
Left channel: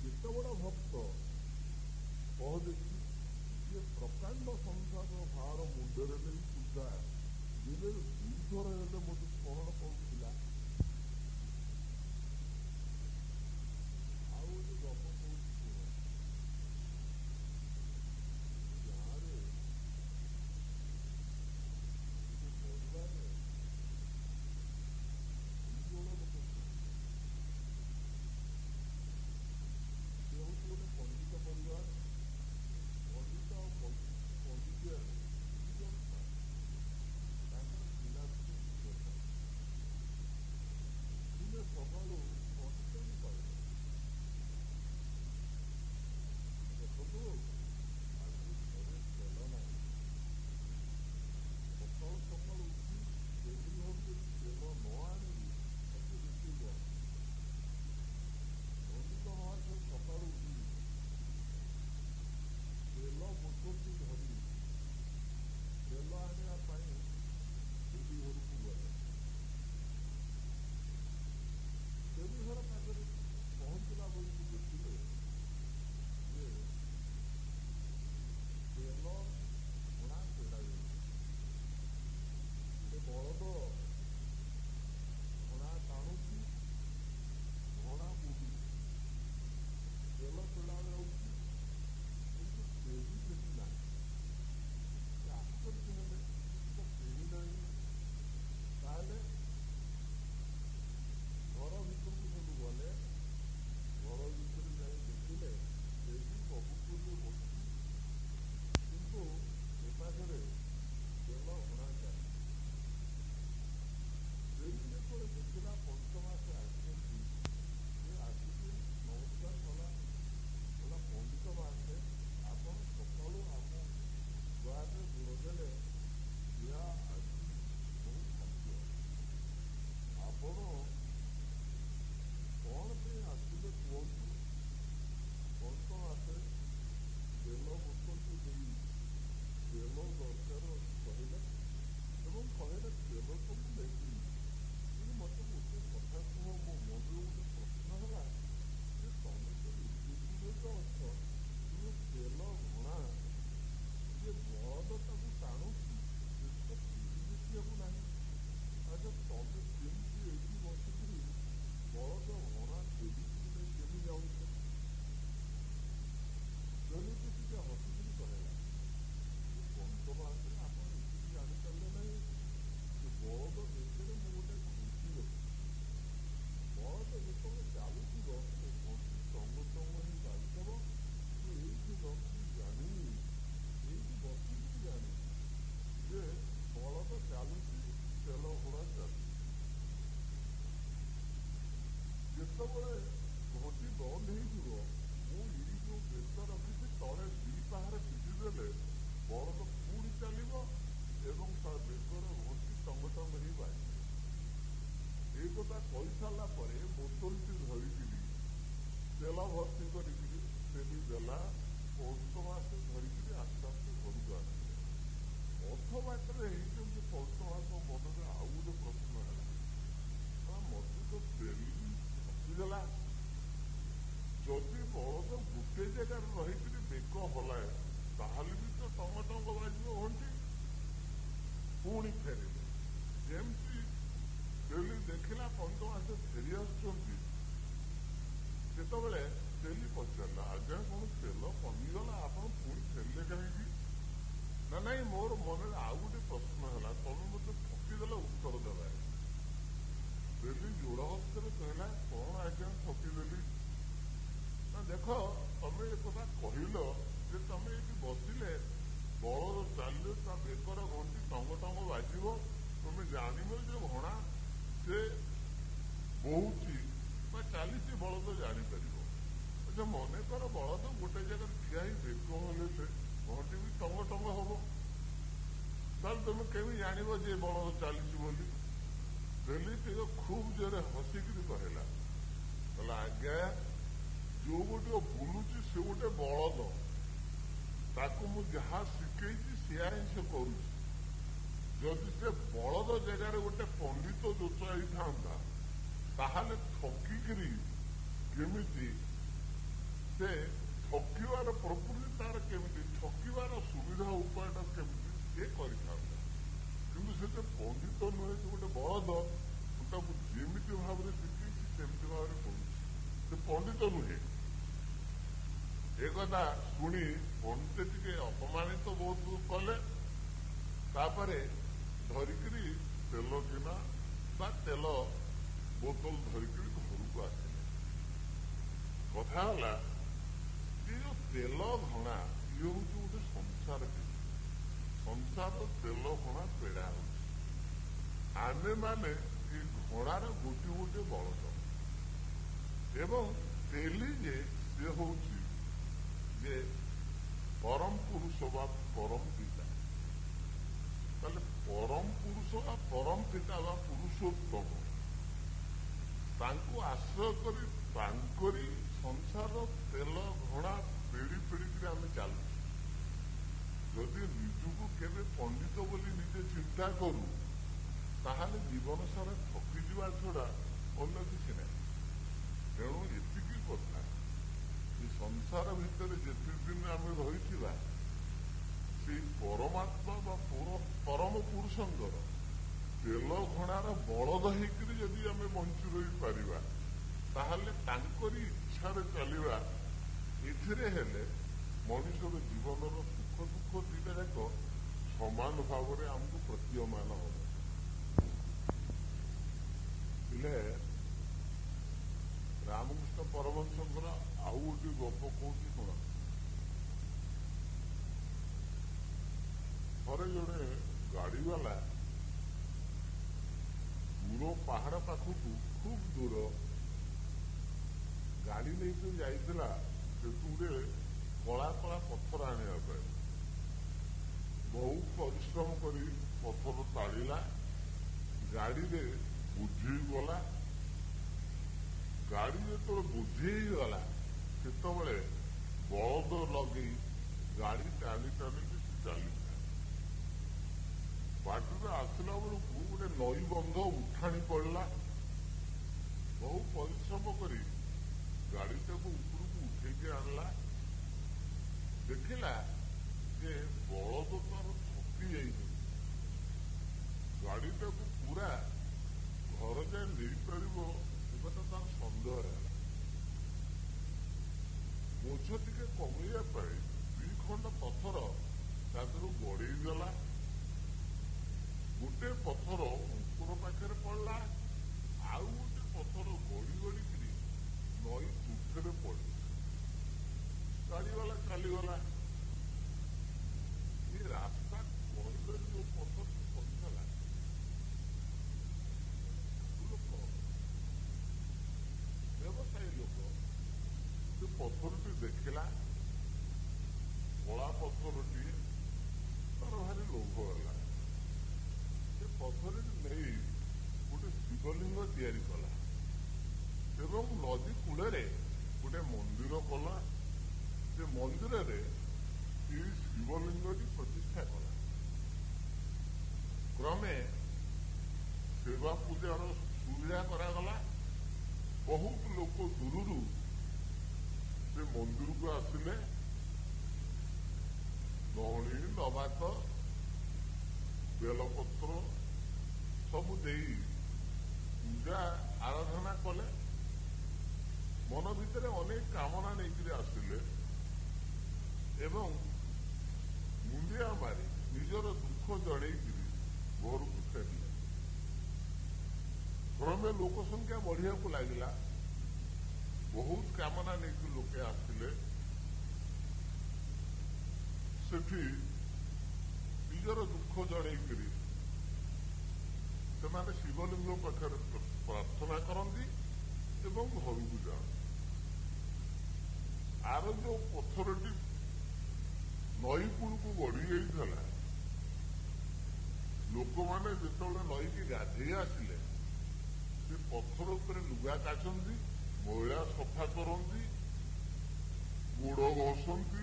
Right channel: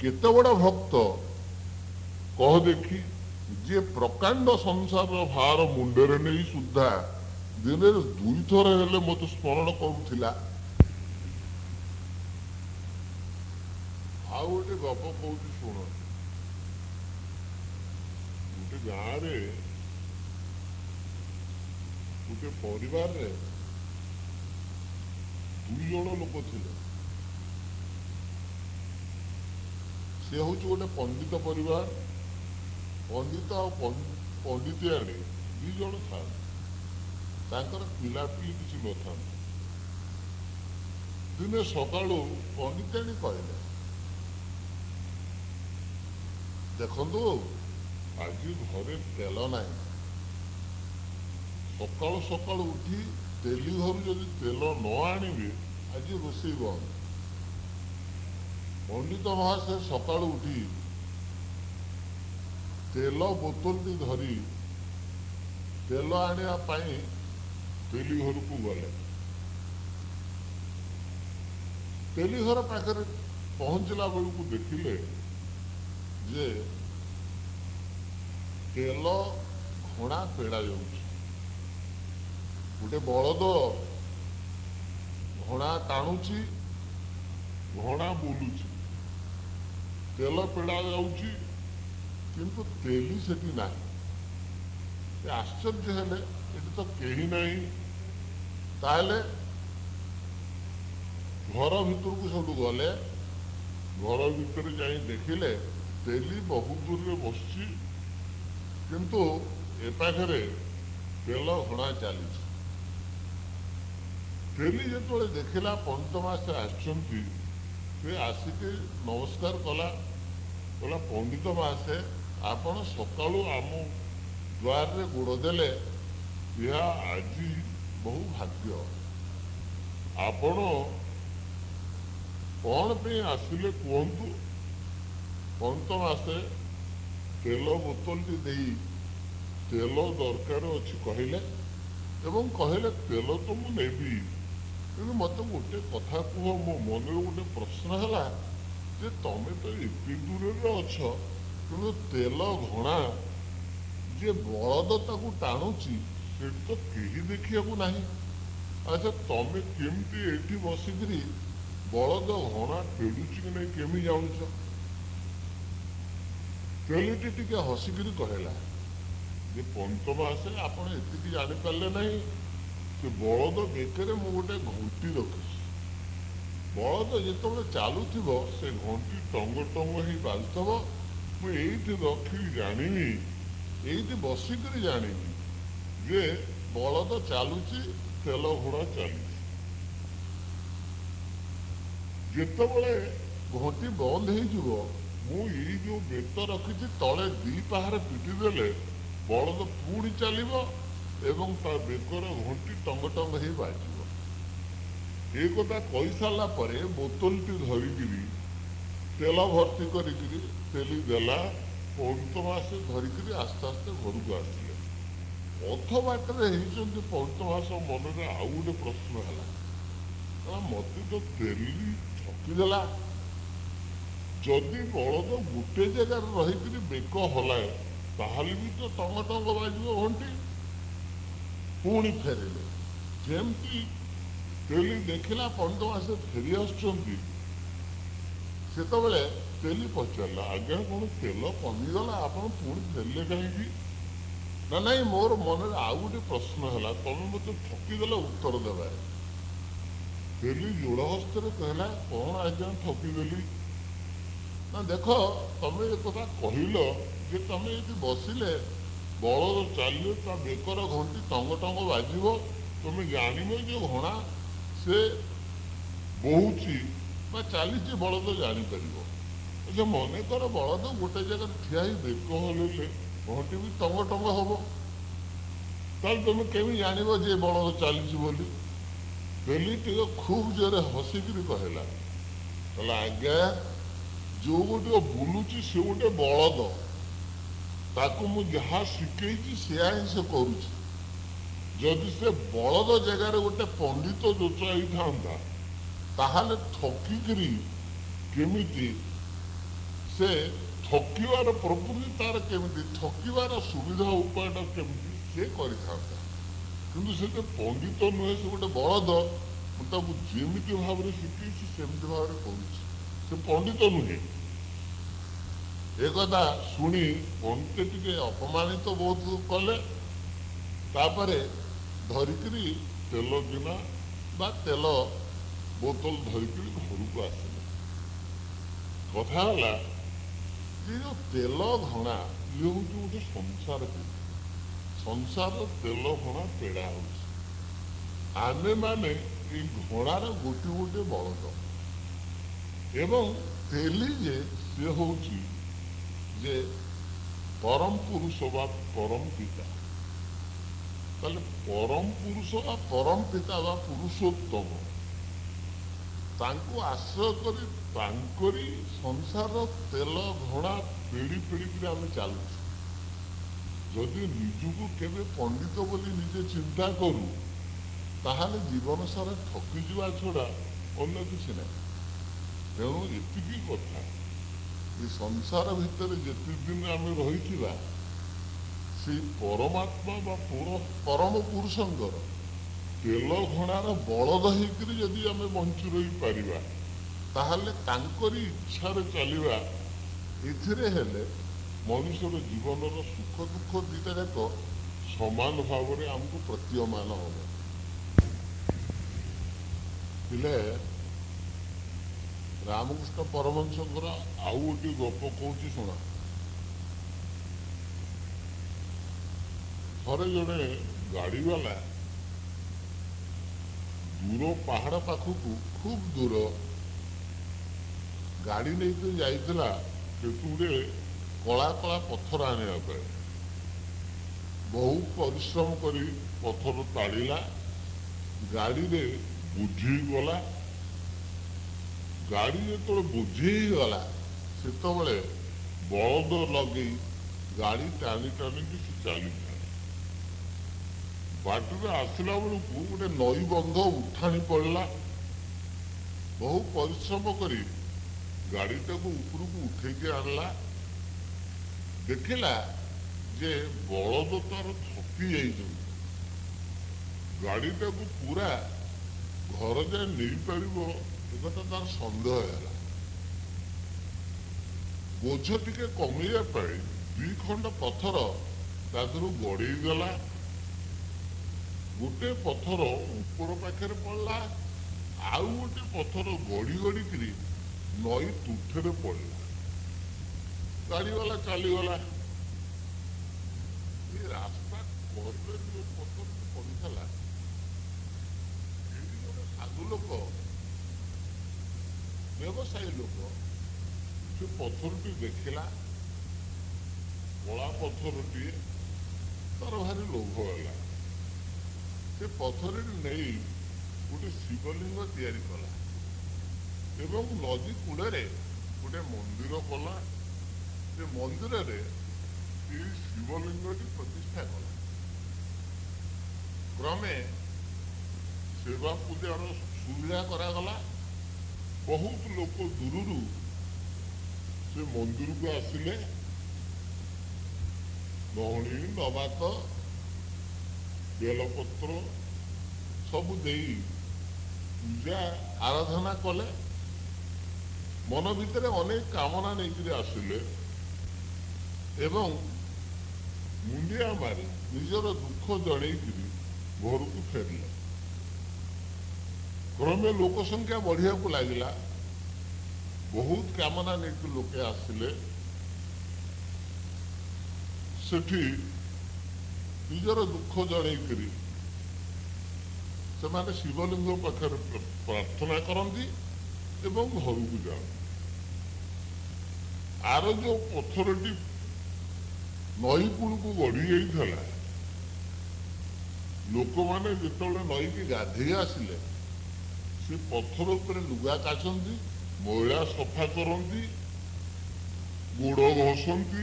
କେତେ ବଡ଼ ଭକ୍ତ କହ ଦେଖି, ଯିଏ ପ୍ରକାଣ୍ଡ ସଂସାରର ଭାର ମୁଣ୍ଡରେ ନେଇ ସୁଦ୍ଧା ଦିନରେ 2 ଥର ହେଲେ ମୋତେ ସ୍ମରଣ କରୁଥିଲା। ଆଉ ଗୋଟେ ଗପ କହୁଛି ଶୁଣ। ଗୋଟେ ଗାଁରେ ଗୋଟେ ପରିବାରରେ 2 ଜଣ ଲୋକ ଥିଲେ। ସେ ହଉଛି ଗୋଟେ ପଣ୍ଡିତ ପରିବାର। ପଣ୍ଡିତ ଆଉ ପଣ୍ଡିତିଆଣୀ 2 ଜଣ ଥାନ୍ତି। ତାଙ୍କର ପିଲାପିଲି କିଛି ନଥାନ୍ତି। ଦିନେ ସକାଳୁ ପଣ୍ଡିତାଣୀ କହିଲେ, ଦେଖନ୍ତୁ, ଆଜି ଘରେ ତେଲ ନାହିଁ। ସକାଳୁ ସକାଳୁ ଉଠି ତେଲି ଘରୁ ଯଦି ତେଲ ନ ଆଣିବେ, ଆଜି ରୋଷେଇ ବନ୍ଦ। ପଣ୍ଡିତ ମହାଶୟ ସକାଳୁ ଉଠି ତେଲ ବୋତଲଟି ଧରି ତେଲ ଆଣିବା ପାଇଁ ତେଲି ଘରକୁ ଗଲେ। ତେଲି ଘର ପାଖରେ ପହଞ୍ଚିଲା ବେଳକୁ ଦେଖିଲେ ଯେ ତେଲ ଘଣା ପେଡ଼ା ଯାଉଛି। ଗୋଟେ ବଳଦ ଘଣା ଟାଣୁଛି, ଘଣା ବୁଲୁଛି, ତେଲ ପେଡ଼ା ଯାଉଛି, କିନ୍ତୁ ତେଲି ସେଠି ନାହିଁ। ସେ ଆଶ୍ଚର୍ଯ୍ୟ ହେଲେ, ଏଠି ତ କେହି ନାହିଁ। ତାହେଲେ ଘର ଭିତରକୁ ସବୁ ଗଲେ। ଘର ଭିତରେ ଯାଇ ଦେଖିଲେ ତେଲି ବହୁତ ଦୂରରେ ବସିଛି, କିନ୍ତୁ ଏ ପାଖରେ ତେଲ ଘଣା ଚାଲିଛି। ତେଲି ଯେତେବେଳେ ଦେଖିଲା ପଣ୍ଡିତ ମହାଶୟ ଆସିଛନ୍ତି, ସେ ଆସିକି ନମସ୍କାର କଲା। କହିଲା, ପଣ୍ଡିତ ମହାଶୟ, ଆପଣ ସକାଳୁ ଆମ ଦ୍ୱାରରେ ଗୋଡ଼ ଦେଲେ, ଏହା ଆଜି ବହୁ ଭାଗ୍ୟ। ଆପଣ କ'ଣ ପାଇଁ ଆସିଲେ କୁହନ୍ତୁ? ପଣ୍ଡିତ ମହାଶୟ ତେଲ ବୋତଲଟି ଦେଇ ତେଲ ଦରକାର ଅଛି କହିଲେ, ଏବଂ କହିଲେ ତେଲ ତ ମୁଁ ନେବି, କିନ୍ତୁ ମୋତେ ଗୋଟେ କଥା କୁହ। ମୋ ମନରେ ଗୋଟେ ପ୍ରଶ୍ନ ହେଲା ଯେ ତମେ ତ ଏତେ ଦୂରରେ ଅଛ, କିନ୍ତୁ ତେଲ ଘଣା ଯିଏ ବଳଦ ତାକୁ ଟାଣୁଛି ସେଠି ତ କେହି ଦେଖିବାକୁ ନାହିଁ। ଆଚ୍ଛା, ତମେ କେମିତି ଏଠି ବସିକିରି ବଳଦ ଘଣା ପେଡୁଛି କି ନାହିଁ କେମିତି ଜାଣୁଛ? ତେଲିଟି ଟିକେ ହସିକିରି କହିଲା ଯେ ପଣ୍ଡିତ ମହାଶୟ, ଆପଣ ଏତିକି ଜାଣିପାରିଲେ ନାହିଁ, ସେ ବଳଦ ବେକରେ ମୁଁ ଗୋଟେ ଘଣ୍ଟି ରଖିଛି। ବଳଦ ଯେତେବେଳେ ଚାଲୁଥିବ ସେ ଘଣ୍ଟି ଟଙ୍ଗ ଟଙ୍ଗ ହେଇ ବାଜୁଥିବ। ମୁଁ ଏଇଠି ରଖିକି ଜାଣିବି, ଏଇଠି ବସିକିରି ଜାଣିବି ଯେ ବଳଦ ଚାଲୁଛି, ତେଲ ଘୋଡ଼ା ଚାଲିଛି। ଯେତେବେଳେ ଘଣ୍ଟି ବନ୍ଦ ହେଇଯିବ, ମୁଁ ଏଇ ଯୋଉ ବେତ ରଖିଛି ତଳେ 2 ପାହାରେ ପିଟି ଦେଲେ ବଳଦ ପୁଣି ଚାଲିବ ଏବଂ ତା ବେକର ଘଣ୍ଟି ଟଙ୍ଗ ଟଙ୍ଗ ହେଇ ବାଜିବ। ଏ କଥା କହିସାରିଲା ପରେ ବୋତଲଟି ଧରିକିରି ତେଲ ଭର୍ତ୍ତି କରିକିରି ତେଲି ଦେଲା। ପଣ୍ଡିତ ମହାଶୟ ଧରିକିରି ଆସ୍ତେ ଆସ୍ତେ ଘରକୁ ଆସିଲେ। ଅଧ ବାଟରେ ହେଇଛନ୍ତି ପଣ୍ଡିତ ମହାଶୟ ମନରେ ଆଉ ଗୋଟେ ପ୍ରଶ୍ନ ହେଲା, ମତେ ତ ତେଲି ଠକିଦେଲା। ଯଦି ବଳଦ ଗୋଟେ ଜାଗାରେ ରହିକିରି ବେକ ହଲାଏ, ତାହେଲେ ବି ତ ଟଙ୍ଗ ଟଙ୍ଗ ବାଜିବ ଘଣ୍ଟି। ପୁଣି ଫେରିଲେ। ଯେମିତି ତେଲି ଦେଖିଲା ପଣ୍ଡିତ ମହାଶୟ ଫେରି ଆସୁଛନ୍ତି, ସେତେବେଳେ ତେଲି ପଚାରିଲା, ଆଜ୍ଞା କ'ଣ ତେଲ କମିଗଲା? ଆପଣ ପୁଣି ଫେରିଲେ କାହିଁକି? ନା ନାଇଁ, ମୋର ମନରେ ଆଉ ଗୋଟେ ପ୍ରଶ୍ନ ହେଲା, ତମେ ମୋତେ ଠକିଦେଲ ଉତ୍ତର ଦେବାରେ। ତେଲି ଯୋଡ଼ ହସ୍ତରେ କହିଲା, କ'ଣ ଆଜ୍ଞା ଠକିଦେଲି? ନା ଦେଖ ତମେ ଏ କଥା କହିଲ ଯେ ତମେ ଯଦି ବସିଲେ ବଳଦ ଚାଲିଲେ ତା ବେକର ଘଣ୍ଟି ଟଙ୍ଗ ଟଙ୍ଗ ବାଜିବ, ତମେ ଜାଣିବ ଯେ ଘୋଡ଼ା ସେ ବହୁଛି ବା ଚାଲିଛି, ବଳଦ ଜାଣିପାରିବ। ଯେ ମନେକର ବଳଦ ଗୋଟେ ଜାଗାରେ ଠିଆ ହେଇ ବେକ ହଲେଇଲେ ଘଣ୍ଟି ବି ଟଙ୍ଗ ଟଙ୍ଗ ହବ, ତାହେଲେ ତମେ କେମିତି ଜାଣିବ ଯେ ବଳଦ ଚାଲିଛି ବୋଲି? ବେଲି ଟିକେ ଖୁବ୍ ଜୋରେ ହସିକିରି କହିଲା, କହିଲା ଆଜ୍ଞା ଯୋଉ ଗୋଟିକ ବୁଲୁଛି ସେ ଗୋଟେ ବଳଦ, ତାକୁ ମୁଁ ଯାହା ଶିଖେଇଛି ସେୟା ହିଁ ସେ କରୁଛି। ଯଦି ସେ ବଳଦ ଜାଗାରେ ଗୋଟେ ପଣ୍ଡିତ ଯୋଚା ହେଇଥାନ୍ତା ତାହେଲେ ଠକିକିରି କେମିତି ସେ ଠକିବାର ପ୍ରକୃତି ତାର କେମିତି, ଠକିବାର ସୁବିଧା ଉପାୟଟା କେମିତି ସେ କରିଥାନ୍ତା। କିନ୍ତୁ ସେ ଯେ ପଣ୍ଡିତ ନୁହେଁ, ସେ ଗୋଟେ ବଳଦ, ମୁଁ ତାକୁ ଯେମିତି ଭାବରେ ଶିଖେଇଛି ସେମିତି ଭାବରେ କରୁଛି, ସେ ପଣ୍ଡିତ ନୁହେଁ। ଏକଥା ଶୁଣି ପଣ୍ଡିତ ଟିକେ ଅପମାନିତ ବହୁତ କଲେ। ତାପରେ ଧରିକିରି ତେଲ ଗିନା ବା ତେଲ ବୋତଲ ଧରିକିରି ଘରକୁ ଆସିଲେ। କଥା ହେଲା ଯେ ଯୋଉ ତେଲ ଘଣା ଇଏ ହେଉଛି ଗୋଟେ ସଂସାରକୁ, ସଂସାର ତେଲ ଘଣା ପେଡ଼ା ହେଉଛି। ଆମେମାନେ ଏଇ ଘୋଡ଼ାର ଗୋଟିଏ ଗୋଟିଏ ବଳଦ, ଏବଂ ତେଲି ଯେ ସିଏ ହେଉଛି ଯେ ପରମ ପୁରୁଷ ବା ପରମ ପିତା। ତାହେଲେ ପରମ ପୁରୁଷ ବା ପରମ ପିତା ବା ପୁରୁଷୋତ୍ତମ, ତାଙ୍କୁ ଆଶ୍ରୟ କରି ତାଙ୍କରି ସଂସାର ତେଲ ଘୋଡ଼ା ପେଡ଼ି ପେଡ଼ିକିରି ଆମେ ଚାଲୁଛୁ। ଯଦି ନିଜକୁ କେବେ ପଣ୍ଡିତ ବୋଲି ନିଜେ ଚିନ୍ତା କରୁ ତାହେଲେ ଜୀବନ ସାରା ଠକିଯିବା ଛଡ଼ା ଅନ୍ୟ କିଛି ନାହିଁ। ତେଣୁ ଏତିକି କଥା, ଏ ସଂସାର ଭିତରେ ଯେତିକି ଦିନ ଆମେ ରହିଥିବା ସେଇ ପରମାତ୍ମା ବା ପରମ ପୁରୁଷଙ୍କର ତେଲ ଘୋଡ଼ାର ବଳଦ ହେଇକିରି ଯଦି ଆମେ ବଞ୍ଚି ରହିପାରିବା ତାହେଲେ ତାଙ୍କରି ଇଚ୍ଛାରେ ଚାଲିବା, ଏଥିରେ ହେଲେ ମଣିଷର ଜୀବନର ସୁଖ ଦୁଃଖ ଦୁଇଟା ଯାକ ସମାନ ଭାବରେ ଆମକୁ ପ୍ରତୀୟମାନ ହେବ। ହେଲେ ରାମକୃଷ୍ଣ ପରମହଂସଙ୍କର ଆଉ ଗୋଟିଏ ଗପ କହୁଛି ଶୁଣ। ଥରେ ଜଣେ ଗାଡ଼ିବାଲା ଦୂର ପାହାଡ଼ ପାଖକୁ, ଖୁବ୍ ଦୂର ଗାଡ଼ି ନେଇକି ଯାଇଥିଲା କେତୁରେ କଳା କଳା ପଥର ଆଣିବା ପାଇଁ। ବହୁ ପରିଶ୍ରମ କରି ପଥର ତାଡ଼ିଲା, ଗାଡ଼ିରେ ବୋଝି ହେଇଗଲା। ଗାଡ଼ି ଯେତେବେଳେ ବୋଝି ହେଇଗଲା ସେତେବେଳେ ବଳଦ ଲଗେଇ ଗାଡ଼ି ଟାଣି ଟାଣିକି ସେ ଚାଲିଥାଏ। ବାଟରେ ଆସିଲା ବେଳକୁ ଗୋଟେ ନଈ ବନ୍ଧ ଉଠାଣି ପଡ଼ିଲା। ବହୁ ପରିଶ୍ରମ କରି ଗାଡ଼ିଟାକୁ ଉପରକୁ ଉଠେଇକି ଆଣିଲା। ଦେଖିଲା ଯେ ବଳଦ ତାର ଥକି ଯାଇଛନ୍ତି, ଗାଡ଼ିଟାକୁ ପୁରା ଘର ଯାଏ ନେଇପାରିବ ଏକଥା ତାର ସନ୍ଦେହ ହେଲା। ବୋଝ ଟିକେ କମେଇବା ପାଇଁ 2 ଖଣ୍ଡ ପଥର ତା ଦେହରୁ ଗଡ଼େଇ ଦେଲା। ଗୋଟେ ପଥର ଉପର ପାଖରେ ପଡ଼ିଲା, ଆଉ ଗୋଟେ ପଥର ଗଡ଼ି ଗଡ଼ିକିରି ନଈ ତୁଠରେ ପଡ଼ିଲା। ଗାଡ଼ିବାଲା ଚାଲିଗଲା। ଏ ରାସ୍ତା କଡ଼ରେ ଯୋଉ ପଥରଟି ପଡ଼ିଥିଲା, ଏଠି ଗୋଟେ ସାଧୁ ଲୋକ, ବ୍ୟବସାୟୀ ଲୋକ, ସେ ପଥରଟି ଦେଖିଲା, କଳା ପଥରଟିଏ, ତାର ଭାରି ଲୋଭ ହେଲା। ସେ ପଥରଟି ନେଇ ଗୋଟେ ଶିବଲିଙ୍ଗ ତିଆରି କଲା ଏବଂ ନଦୀ କୂଳରେ ଗୋଟେ ମନ୍ଦିର କଲା। ସେ ମନ୍ଦିରରେ ଏହି ଶିବଲିଙ୍ଗଟି ପ୍ରତିଷ୍ଠା କଲା। କ୍ରମେ ସେବା ପୂଜାର ସୁବିଧା କରାଗଲା। ବହୁତ ଲୋକ ଦୂରରୁ ସେ ମନ୍ଦିରକୁ ଆସିଲେ। ନହଣୀ, ନବାତ, ବେଲପତ୍ର ସବୁ ଦେଇ ପୂଜା ଆରାଧନା କଲେ। ମନ ଭିତରେ ଅନେକ କାମନା ନେଇକରି ଆସିଲେ ଏବଂ ମୁଣ୍ଡିଆ ମାରି ନିଜର ଦୁଃଖ ଜଣେଇକିରି ଘରକୁ ଫେରିଲେ। କ୍ରମେ ଲୋକ ସଂଖ୍ୟା ବଢ଼ିବାକୁ ଲାଗିଲା। बहुत कामना नहीं लोके आसिले सेठी निजर दुख जड़ेकरी से शिवलिंग पाखे प्रार्थना करती एवं घर को जाए आर जो पथरटी नई कूल को गढ़ी जाता लोक मैंने जो नई की गाधे आसिले से पथर उपर लुगा काचती मैला सफा करती गोड़ घसती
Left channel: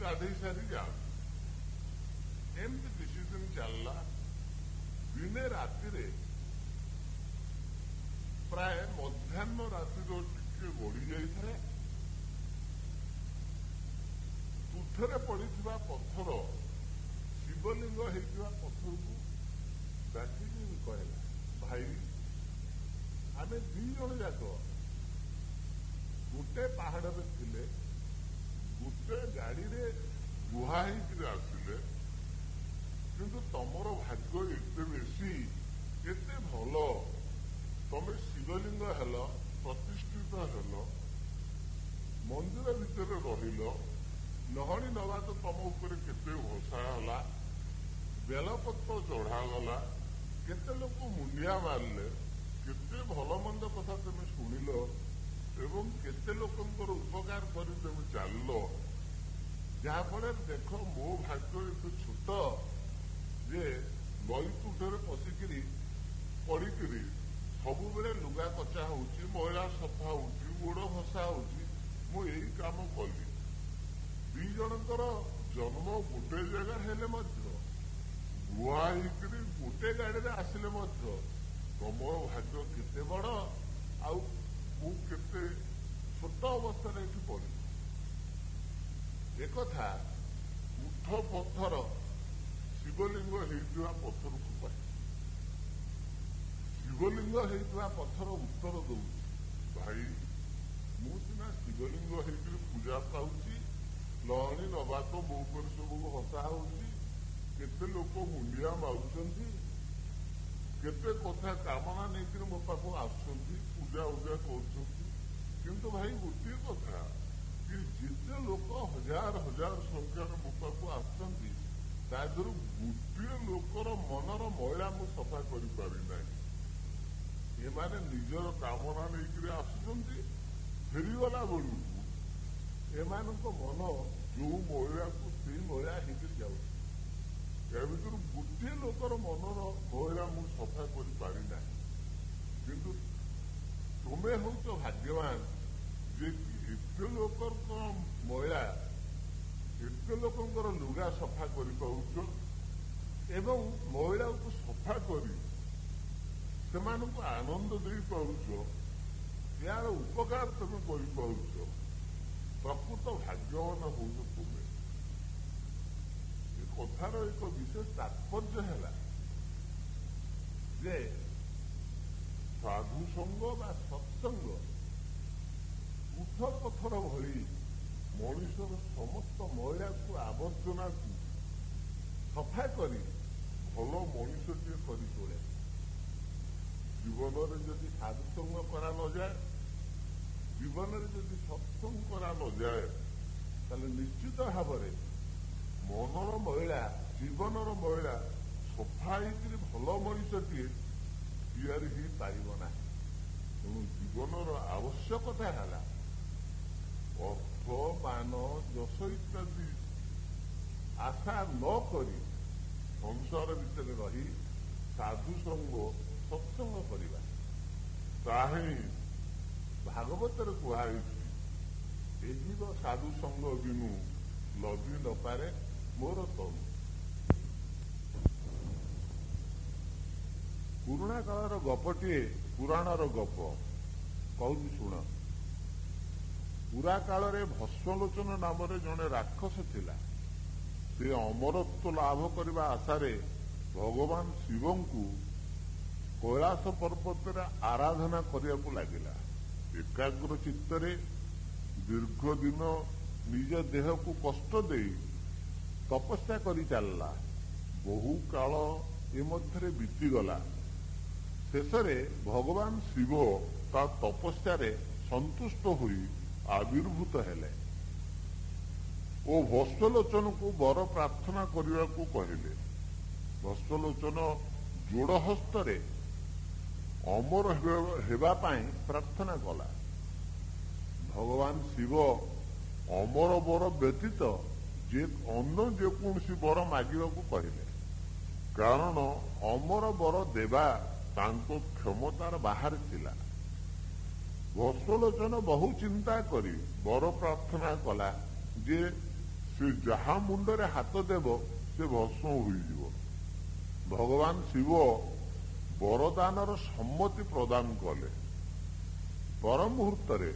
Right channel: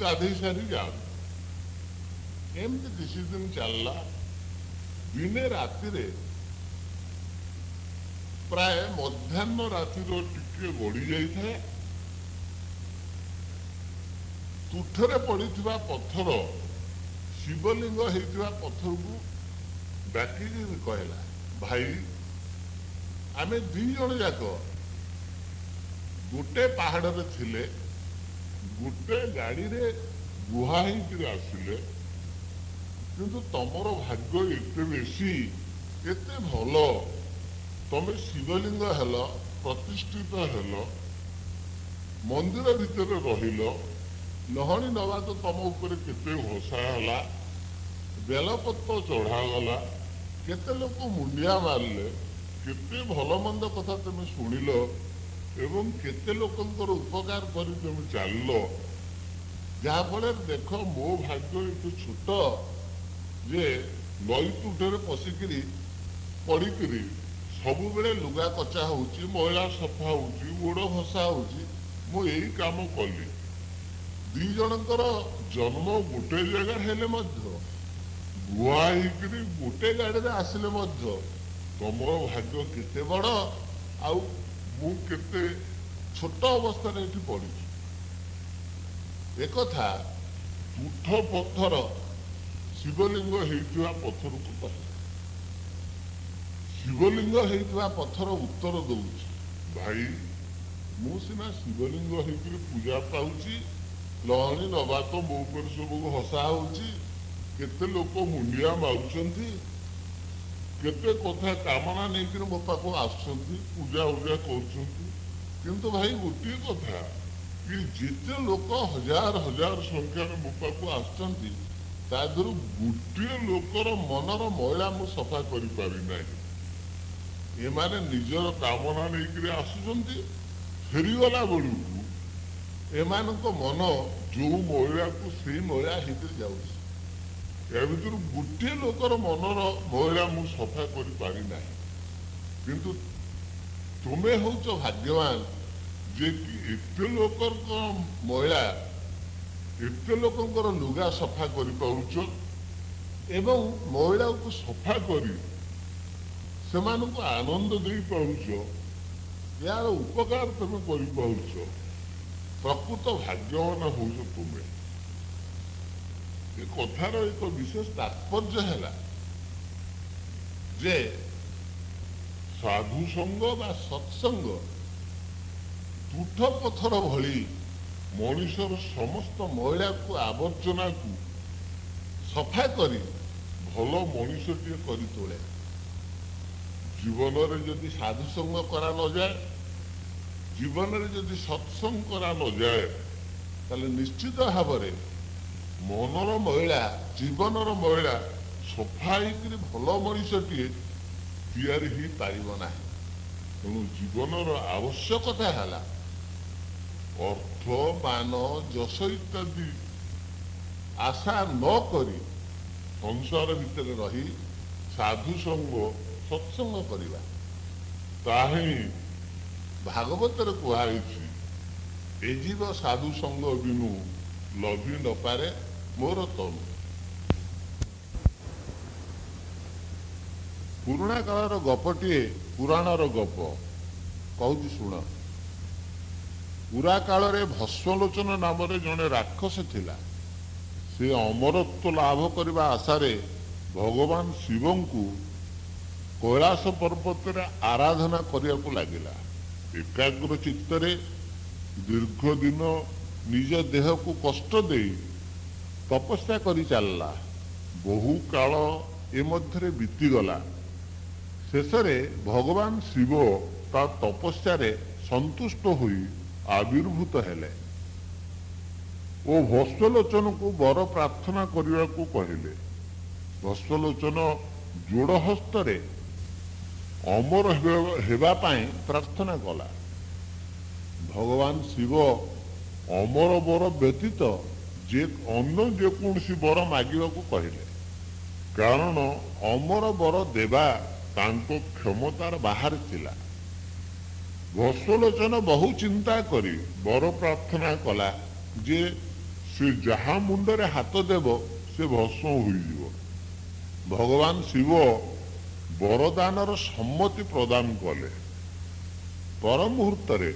गाधे सारी जाती एमती किसी दिन चलला दिने राति प्राय मध्याह्न रातिर टिके गड़ी जाए तुठरे पड़ा पत्थर शिवलिंग होता पत्थर को डाकिक कहला भाई आमे दी जन जाक गोटे पहाड़ रे थिले गोटे गाड़ी रे गुहा आसिले किंतु तमर भाग्य एते बेसी एते भल तमे शिवलिंग हेल प्रतिष्ठित हेल मंदिर भितर रहिल लहणी नवा तो तम ऊपर केते घोषा है बेलपत्र चढ़ागला केते लोक मुंडिया मारले केते भल मंद कथा तुम शुणिल एवं केते लोकंकर उपकार करी तुम चल जहाँफल देख मो भाग्य एते छोट जे नई तुठरे पशिकी पड़िकी सबु बेले लुगा कचा होची मैला सफा होची गोड़ घसा होची मु यही काम कली दी जनकर जन्म गोटे जगह हेले गुआ गोटे गाड़ी आसिले तुम भाग्य केते बड़ आउ मु केते छोट अवस्था पड़ी एक तुठ पत्थर शिवलिंग होता पत्थर को कह शिवलिंग होता पत्थर उत्तर दौर भाई मु सीना शिवलिंग होकर पूजा पाऊँगी लहणी नवा तो मो पर सब हसा होते लोक मुंडिया मारुंट केते कथा कामना नहीं मो पाक आस पूजा उजा कर भाई गोटे कथा कि जिते लोक हजार हजार संख्यार मो पाक आसुँच तादर गोटे लोकर मनर मैला मु सफा कर पारिना एमाने निजर कामना नहीं आसुँच फेरीगला बेलू एमानक मन जो मैला को से मैला होकर जाऊँ या भर गोटे लोकर मनर मैला मु सफा कर पारिना किंतु तुम्हें हूच भाग्यवान जे कि एते लोकर मैला एते लोकंकर लुगा सफा कर पारुच एवं मैला को सफा करी सेमानक आनंद दे पारुच यार उपकार तुम कर पारुच प्रकृत भाग्यवान हो तुम्हें कथार एक विशेष तात्पर्य है जे साधु संग बा सत्संग तुठ पत्थर भली मनुष्यर समस्त मैला को आवर्जना को सफा करी भल मनुष्यटे कर तोले जीवन में जदि साधु संग करा न जाए जीवन में जदि सत्संग करा न जाए ताले निश्चित भाव मनर मैला जीवनर मैला सफा भल मनुष्यटे तैयारी ही पारना तेणु जीवनर आवश्यकता है अर्थ मान जश इत्यादि आशा न करी संसार भितर रही साधु संग सत्संग करवा ताही भागवत कहुई ए जीव साधु संग बिनु लभी न पारे मोर तनु पुराणा कालर गपटे पुराणर गप कहूँ शुण पुरा काल भस्मलोचन नाम जड़े राक्षस थिला से अमरत्व लाभ करने आशारे भगवान शिव को कैलाश पर्वत आराधना करने को लगिला एकाग्र चित्तरे दीर्घ दिन निज देह को कष्ट दे तपस्या करी चलला बहु काल ए मध्य बीतीगला शेषे भगवान शिव ता तपस्या ସନ୍ତୁଷ୍ଟ ହୋଇ ଆବିର୍ଭୂତ ହେଲେ ଓ ଭସ୍ମଲୋଚନକୁ ବର ପ୍ରାର୍ଥନା କରିବାକୁ କହିଲେ। ଭସ୍ମଲୋଚନ ଯୋଡ଼ ହସ୍ତରେ ଅମର ହେବା ପାଇଁ ପ୍ରାର୍ଥନା କଲା। ଭଗବାନ ଶିବ ଅମର ବର ବ୍ୟତୀତ ଅନ୍ୟ ଯେକୌଣସି ବର ମାଗିବାକୁ କହିଲେ, କାରଣ ଅମର ବର ଦେବା ତାଙ୍କ କ୍ଷମତାର ବାହାରେ ଥିଲା। ଭସ୍ମଲୋଚନ ବହୁ ଚିନ୍ତା କରି ବର ପ୍ରାର୍ଥନା କଲା ଯେ ସେ ଯାହା ମୁଣ୍ଡରେ ହାତ ଦେବ ସେ ଭସ୍ମ ହୋଇଯିବ। ଭଗବାନ ଶିବ ବରଦାନର ସମ୍ମତି ପ୍ରଦାନ କଲେ। ପର ମୁହୂର୍ତ୍ତରେ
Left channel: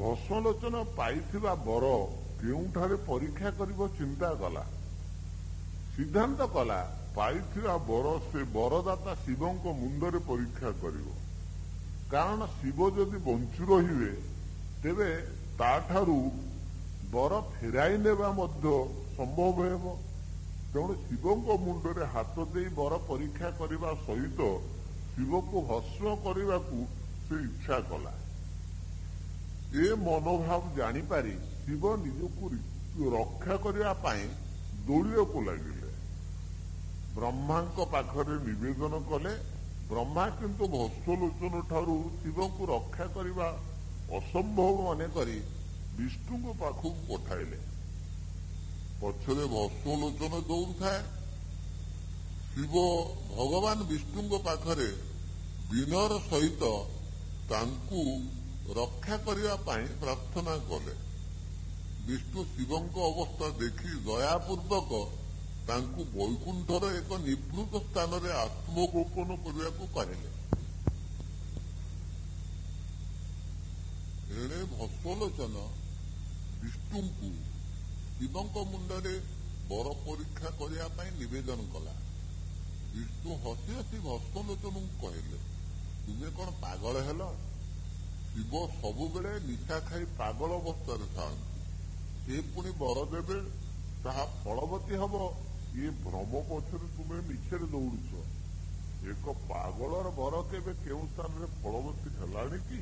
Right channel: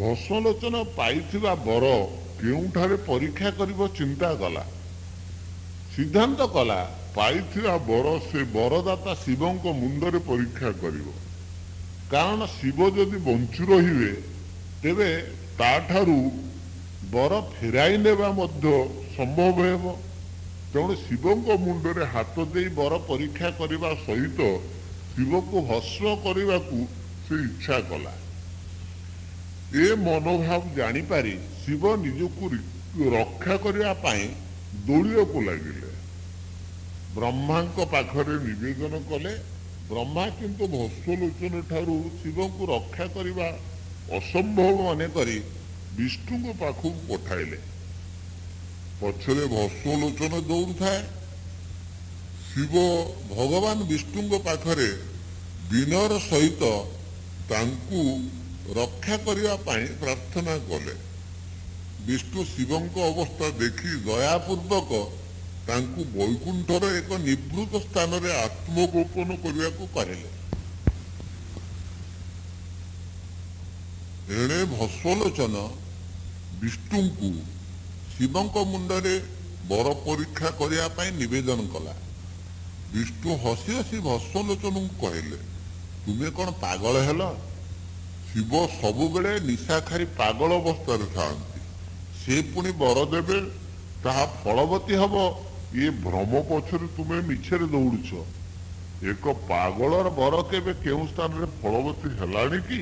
ଭସ୍ମଲୋଚନ ପାଇଥିବା ବର କେଉଁଠାରେ ପରୀକ୍ଷା କରିବ ଚିନ୍ତା କଲା। ସିଦ୍ଧାନ୍ତ କଲା ପାଇଥିବା ବର ସେ ବରଦାତା ଶିବଙ୍କ ମୁଣ୍ଡରେ ପରୀକ୍ଷା କରିବ, କାରଣ ଶିବ ଯଦି ବଞ୍ଚି ରହିବେ ତେବେ ତାଠାରୁ ବର ଫେରାଇ ନେବା ମଧ୍ୟ ସମ୍ଭବ ହେବ। ତେଣୁ ଶିବଙ୍କ ମୁଣ୍ଡରେ ହାତ ଦେଇ ବର ପରୀକ୍ଷା କରିବା ସହିତ ଶିବକୁ ଭସ୍ମ କରିବାକୁ ସେ ଇଚ୍ଛା କଲା। ଏ ମନୋଭାବ ଜାଣିପାରି ଶିବ ନିଜକୁ ରକ୍ଷା କରିବା ପାଇଁ ଦୌଡ଼ିବାକୁ ଲାଗିଲେ। ବ୍ରହ୍ମାଙ୍କ ପାଖରେ ନିବେଦନ କଲେ। ବ୍ରହ୍ମା କିନ୍ତୁ ଭସ୍ମଲୋଚନ ଠାରୁ ଶିବଙ୍କୁ ରକ୍ଷା କରିବା ଅସମ୍ଭବ ମନେ କରି ବିଷ୍ଣୁଙ୍କ ପାଖକୁ ପଠାଇଲେ। ପଛରେ ଭସ୍ମଲୋଚନ ଦୌଡୁଥାଏ। ଶିବ ଭଗବାନ ବିଷ୍ଣୁଙ୍କ ପାଖରେ ବିନୟର ସହିତ ତାଙ୍କୁ ରକ୍ଷା କରିବା ପାଇଁ ପ୍ରାର୍ଥନା କଲେ। ବିଷ୍ଣୁ ଶିବଙ୍କ ଅବସ୍ଥା ଦେଖି ଦୟାପୂର୍ବକ ତାଙ୍କୁ ବୈକୁଣ୍ଠର ଏକ ନିଭୃତ ସ୍ଥାନରେ ଆତ୍ମଗୋପନ କରିବାକୁ କହିଲେ। ଏଣେ ଭସ୍ମଲୋଚନ ବିଷ୍ଣୁଙ୍କୁ ଶିବଙ୍କ ମୁଣ୍ଡରେ ବର ପରୀକ୍ଷା କରିବା ପାଇଁ ନିବେଦନ କଲା। ବିଷ୍ଣୁ ହସି ହସି ଭସ୍ମଲୋଚନଙ୍କୁ କହିଲେ, ତୁମେ କ'ଣ ପାଗଳ ହେଲ? ଶିବ ସବୁବେଳେ ନିଶାଖାଇ ପାଗଳ ଅବସ୍ଥାରେ ଥାଆନ୍ତି। ସେ ପୁଣି ବର ଦେବେ, ତାହା ଫଳବତୀ ହବ, ଏ ଭ୍ରମ ପଛରେ ତୁମେ ମିଛରେ ଦୌଡୁଛ। ଏକ ପାଗଳର ବର କେବେ କେଉଁ ସ୍ଥାନରେ ଫଳବତୀ ହେଲାଣି କି?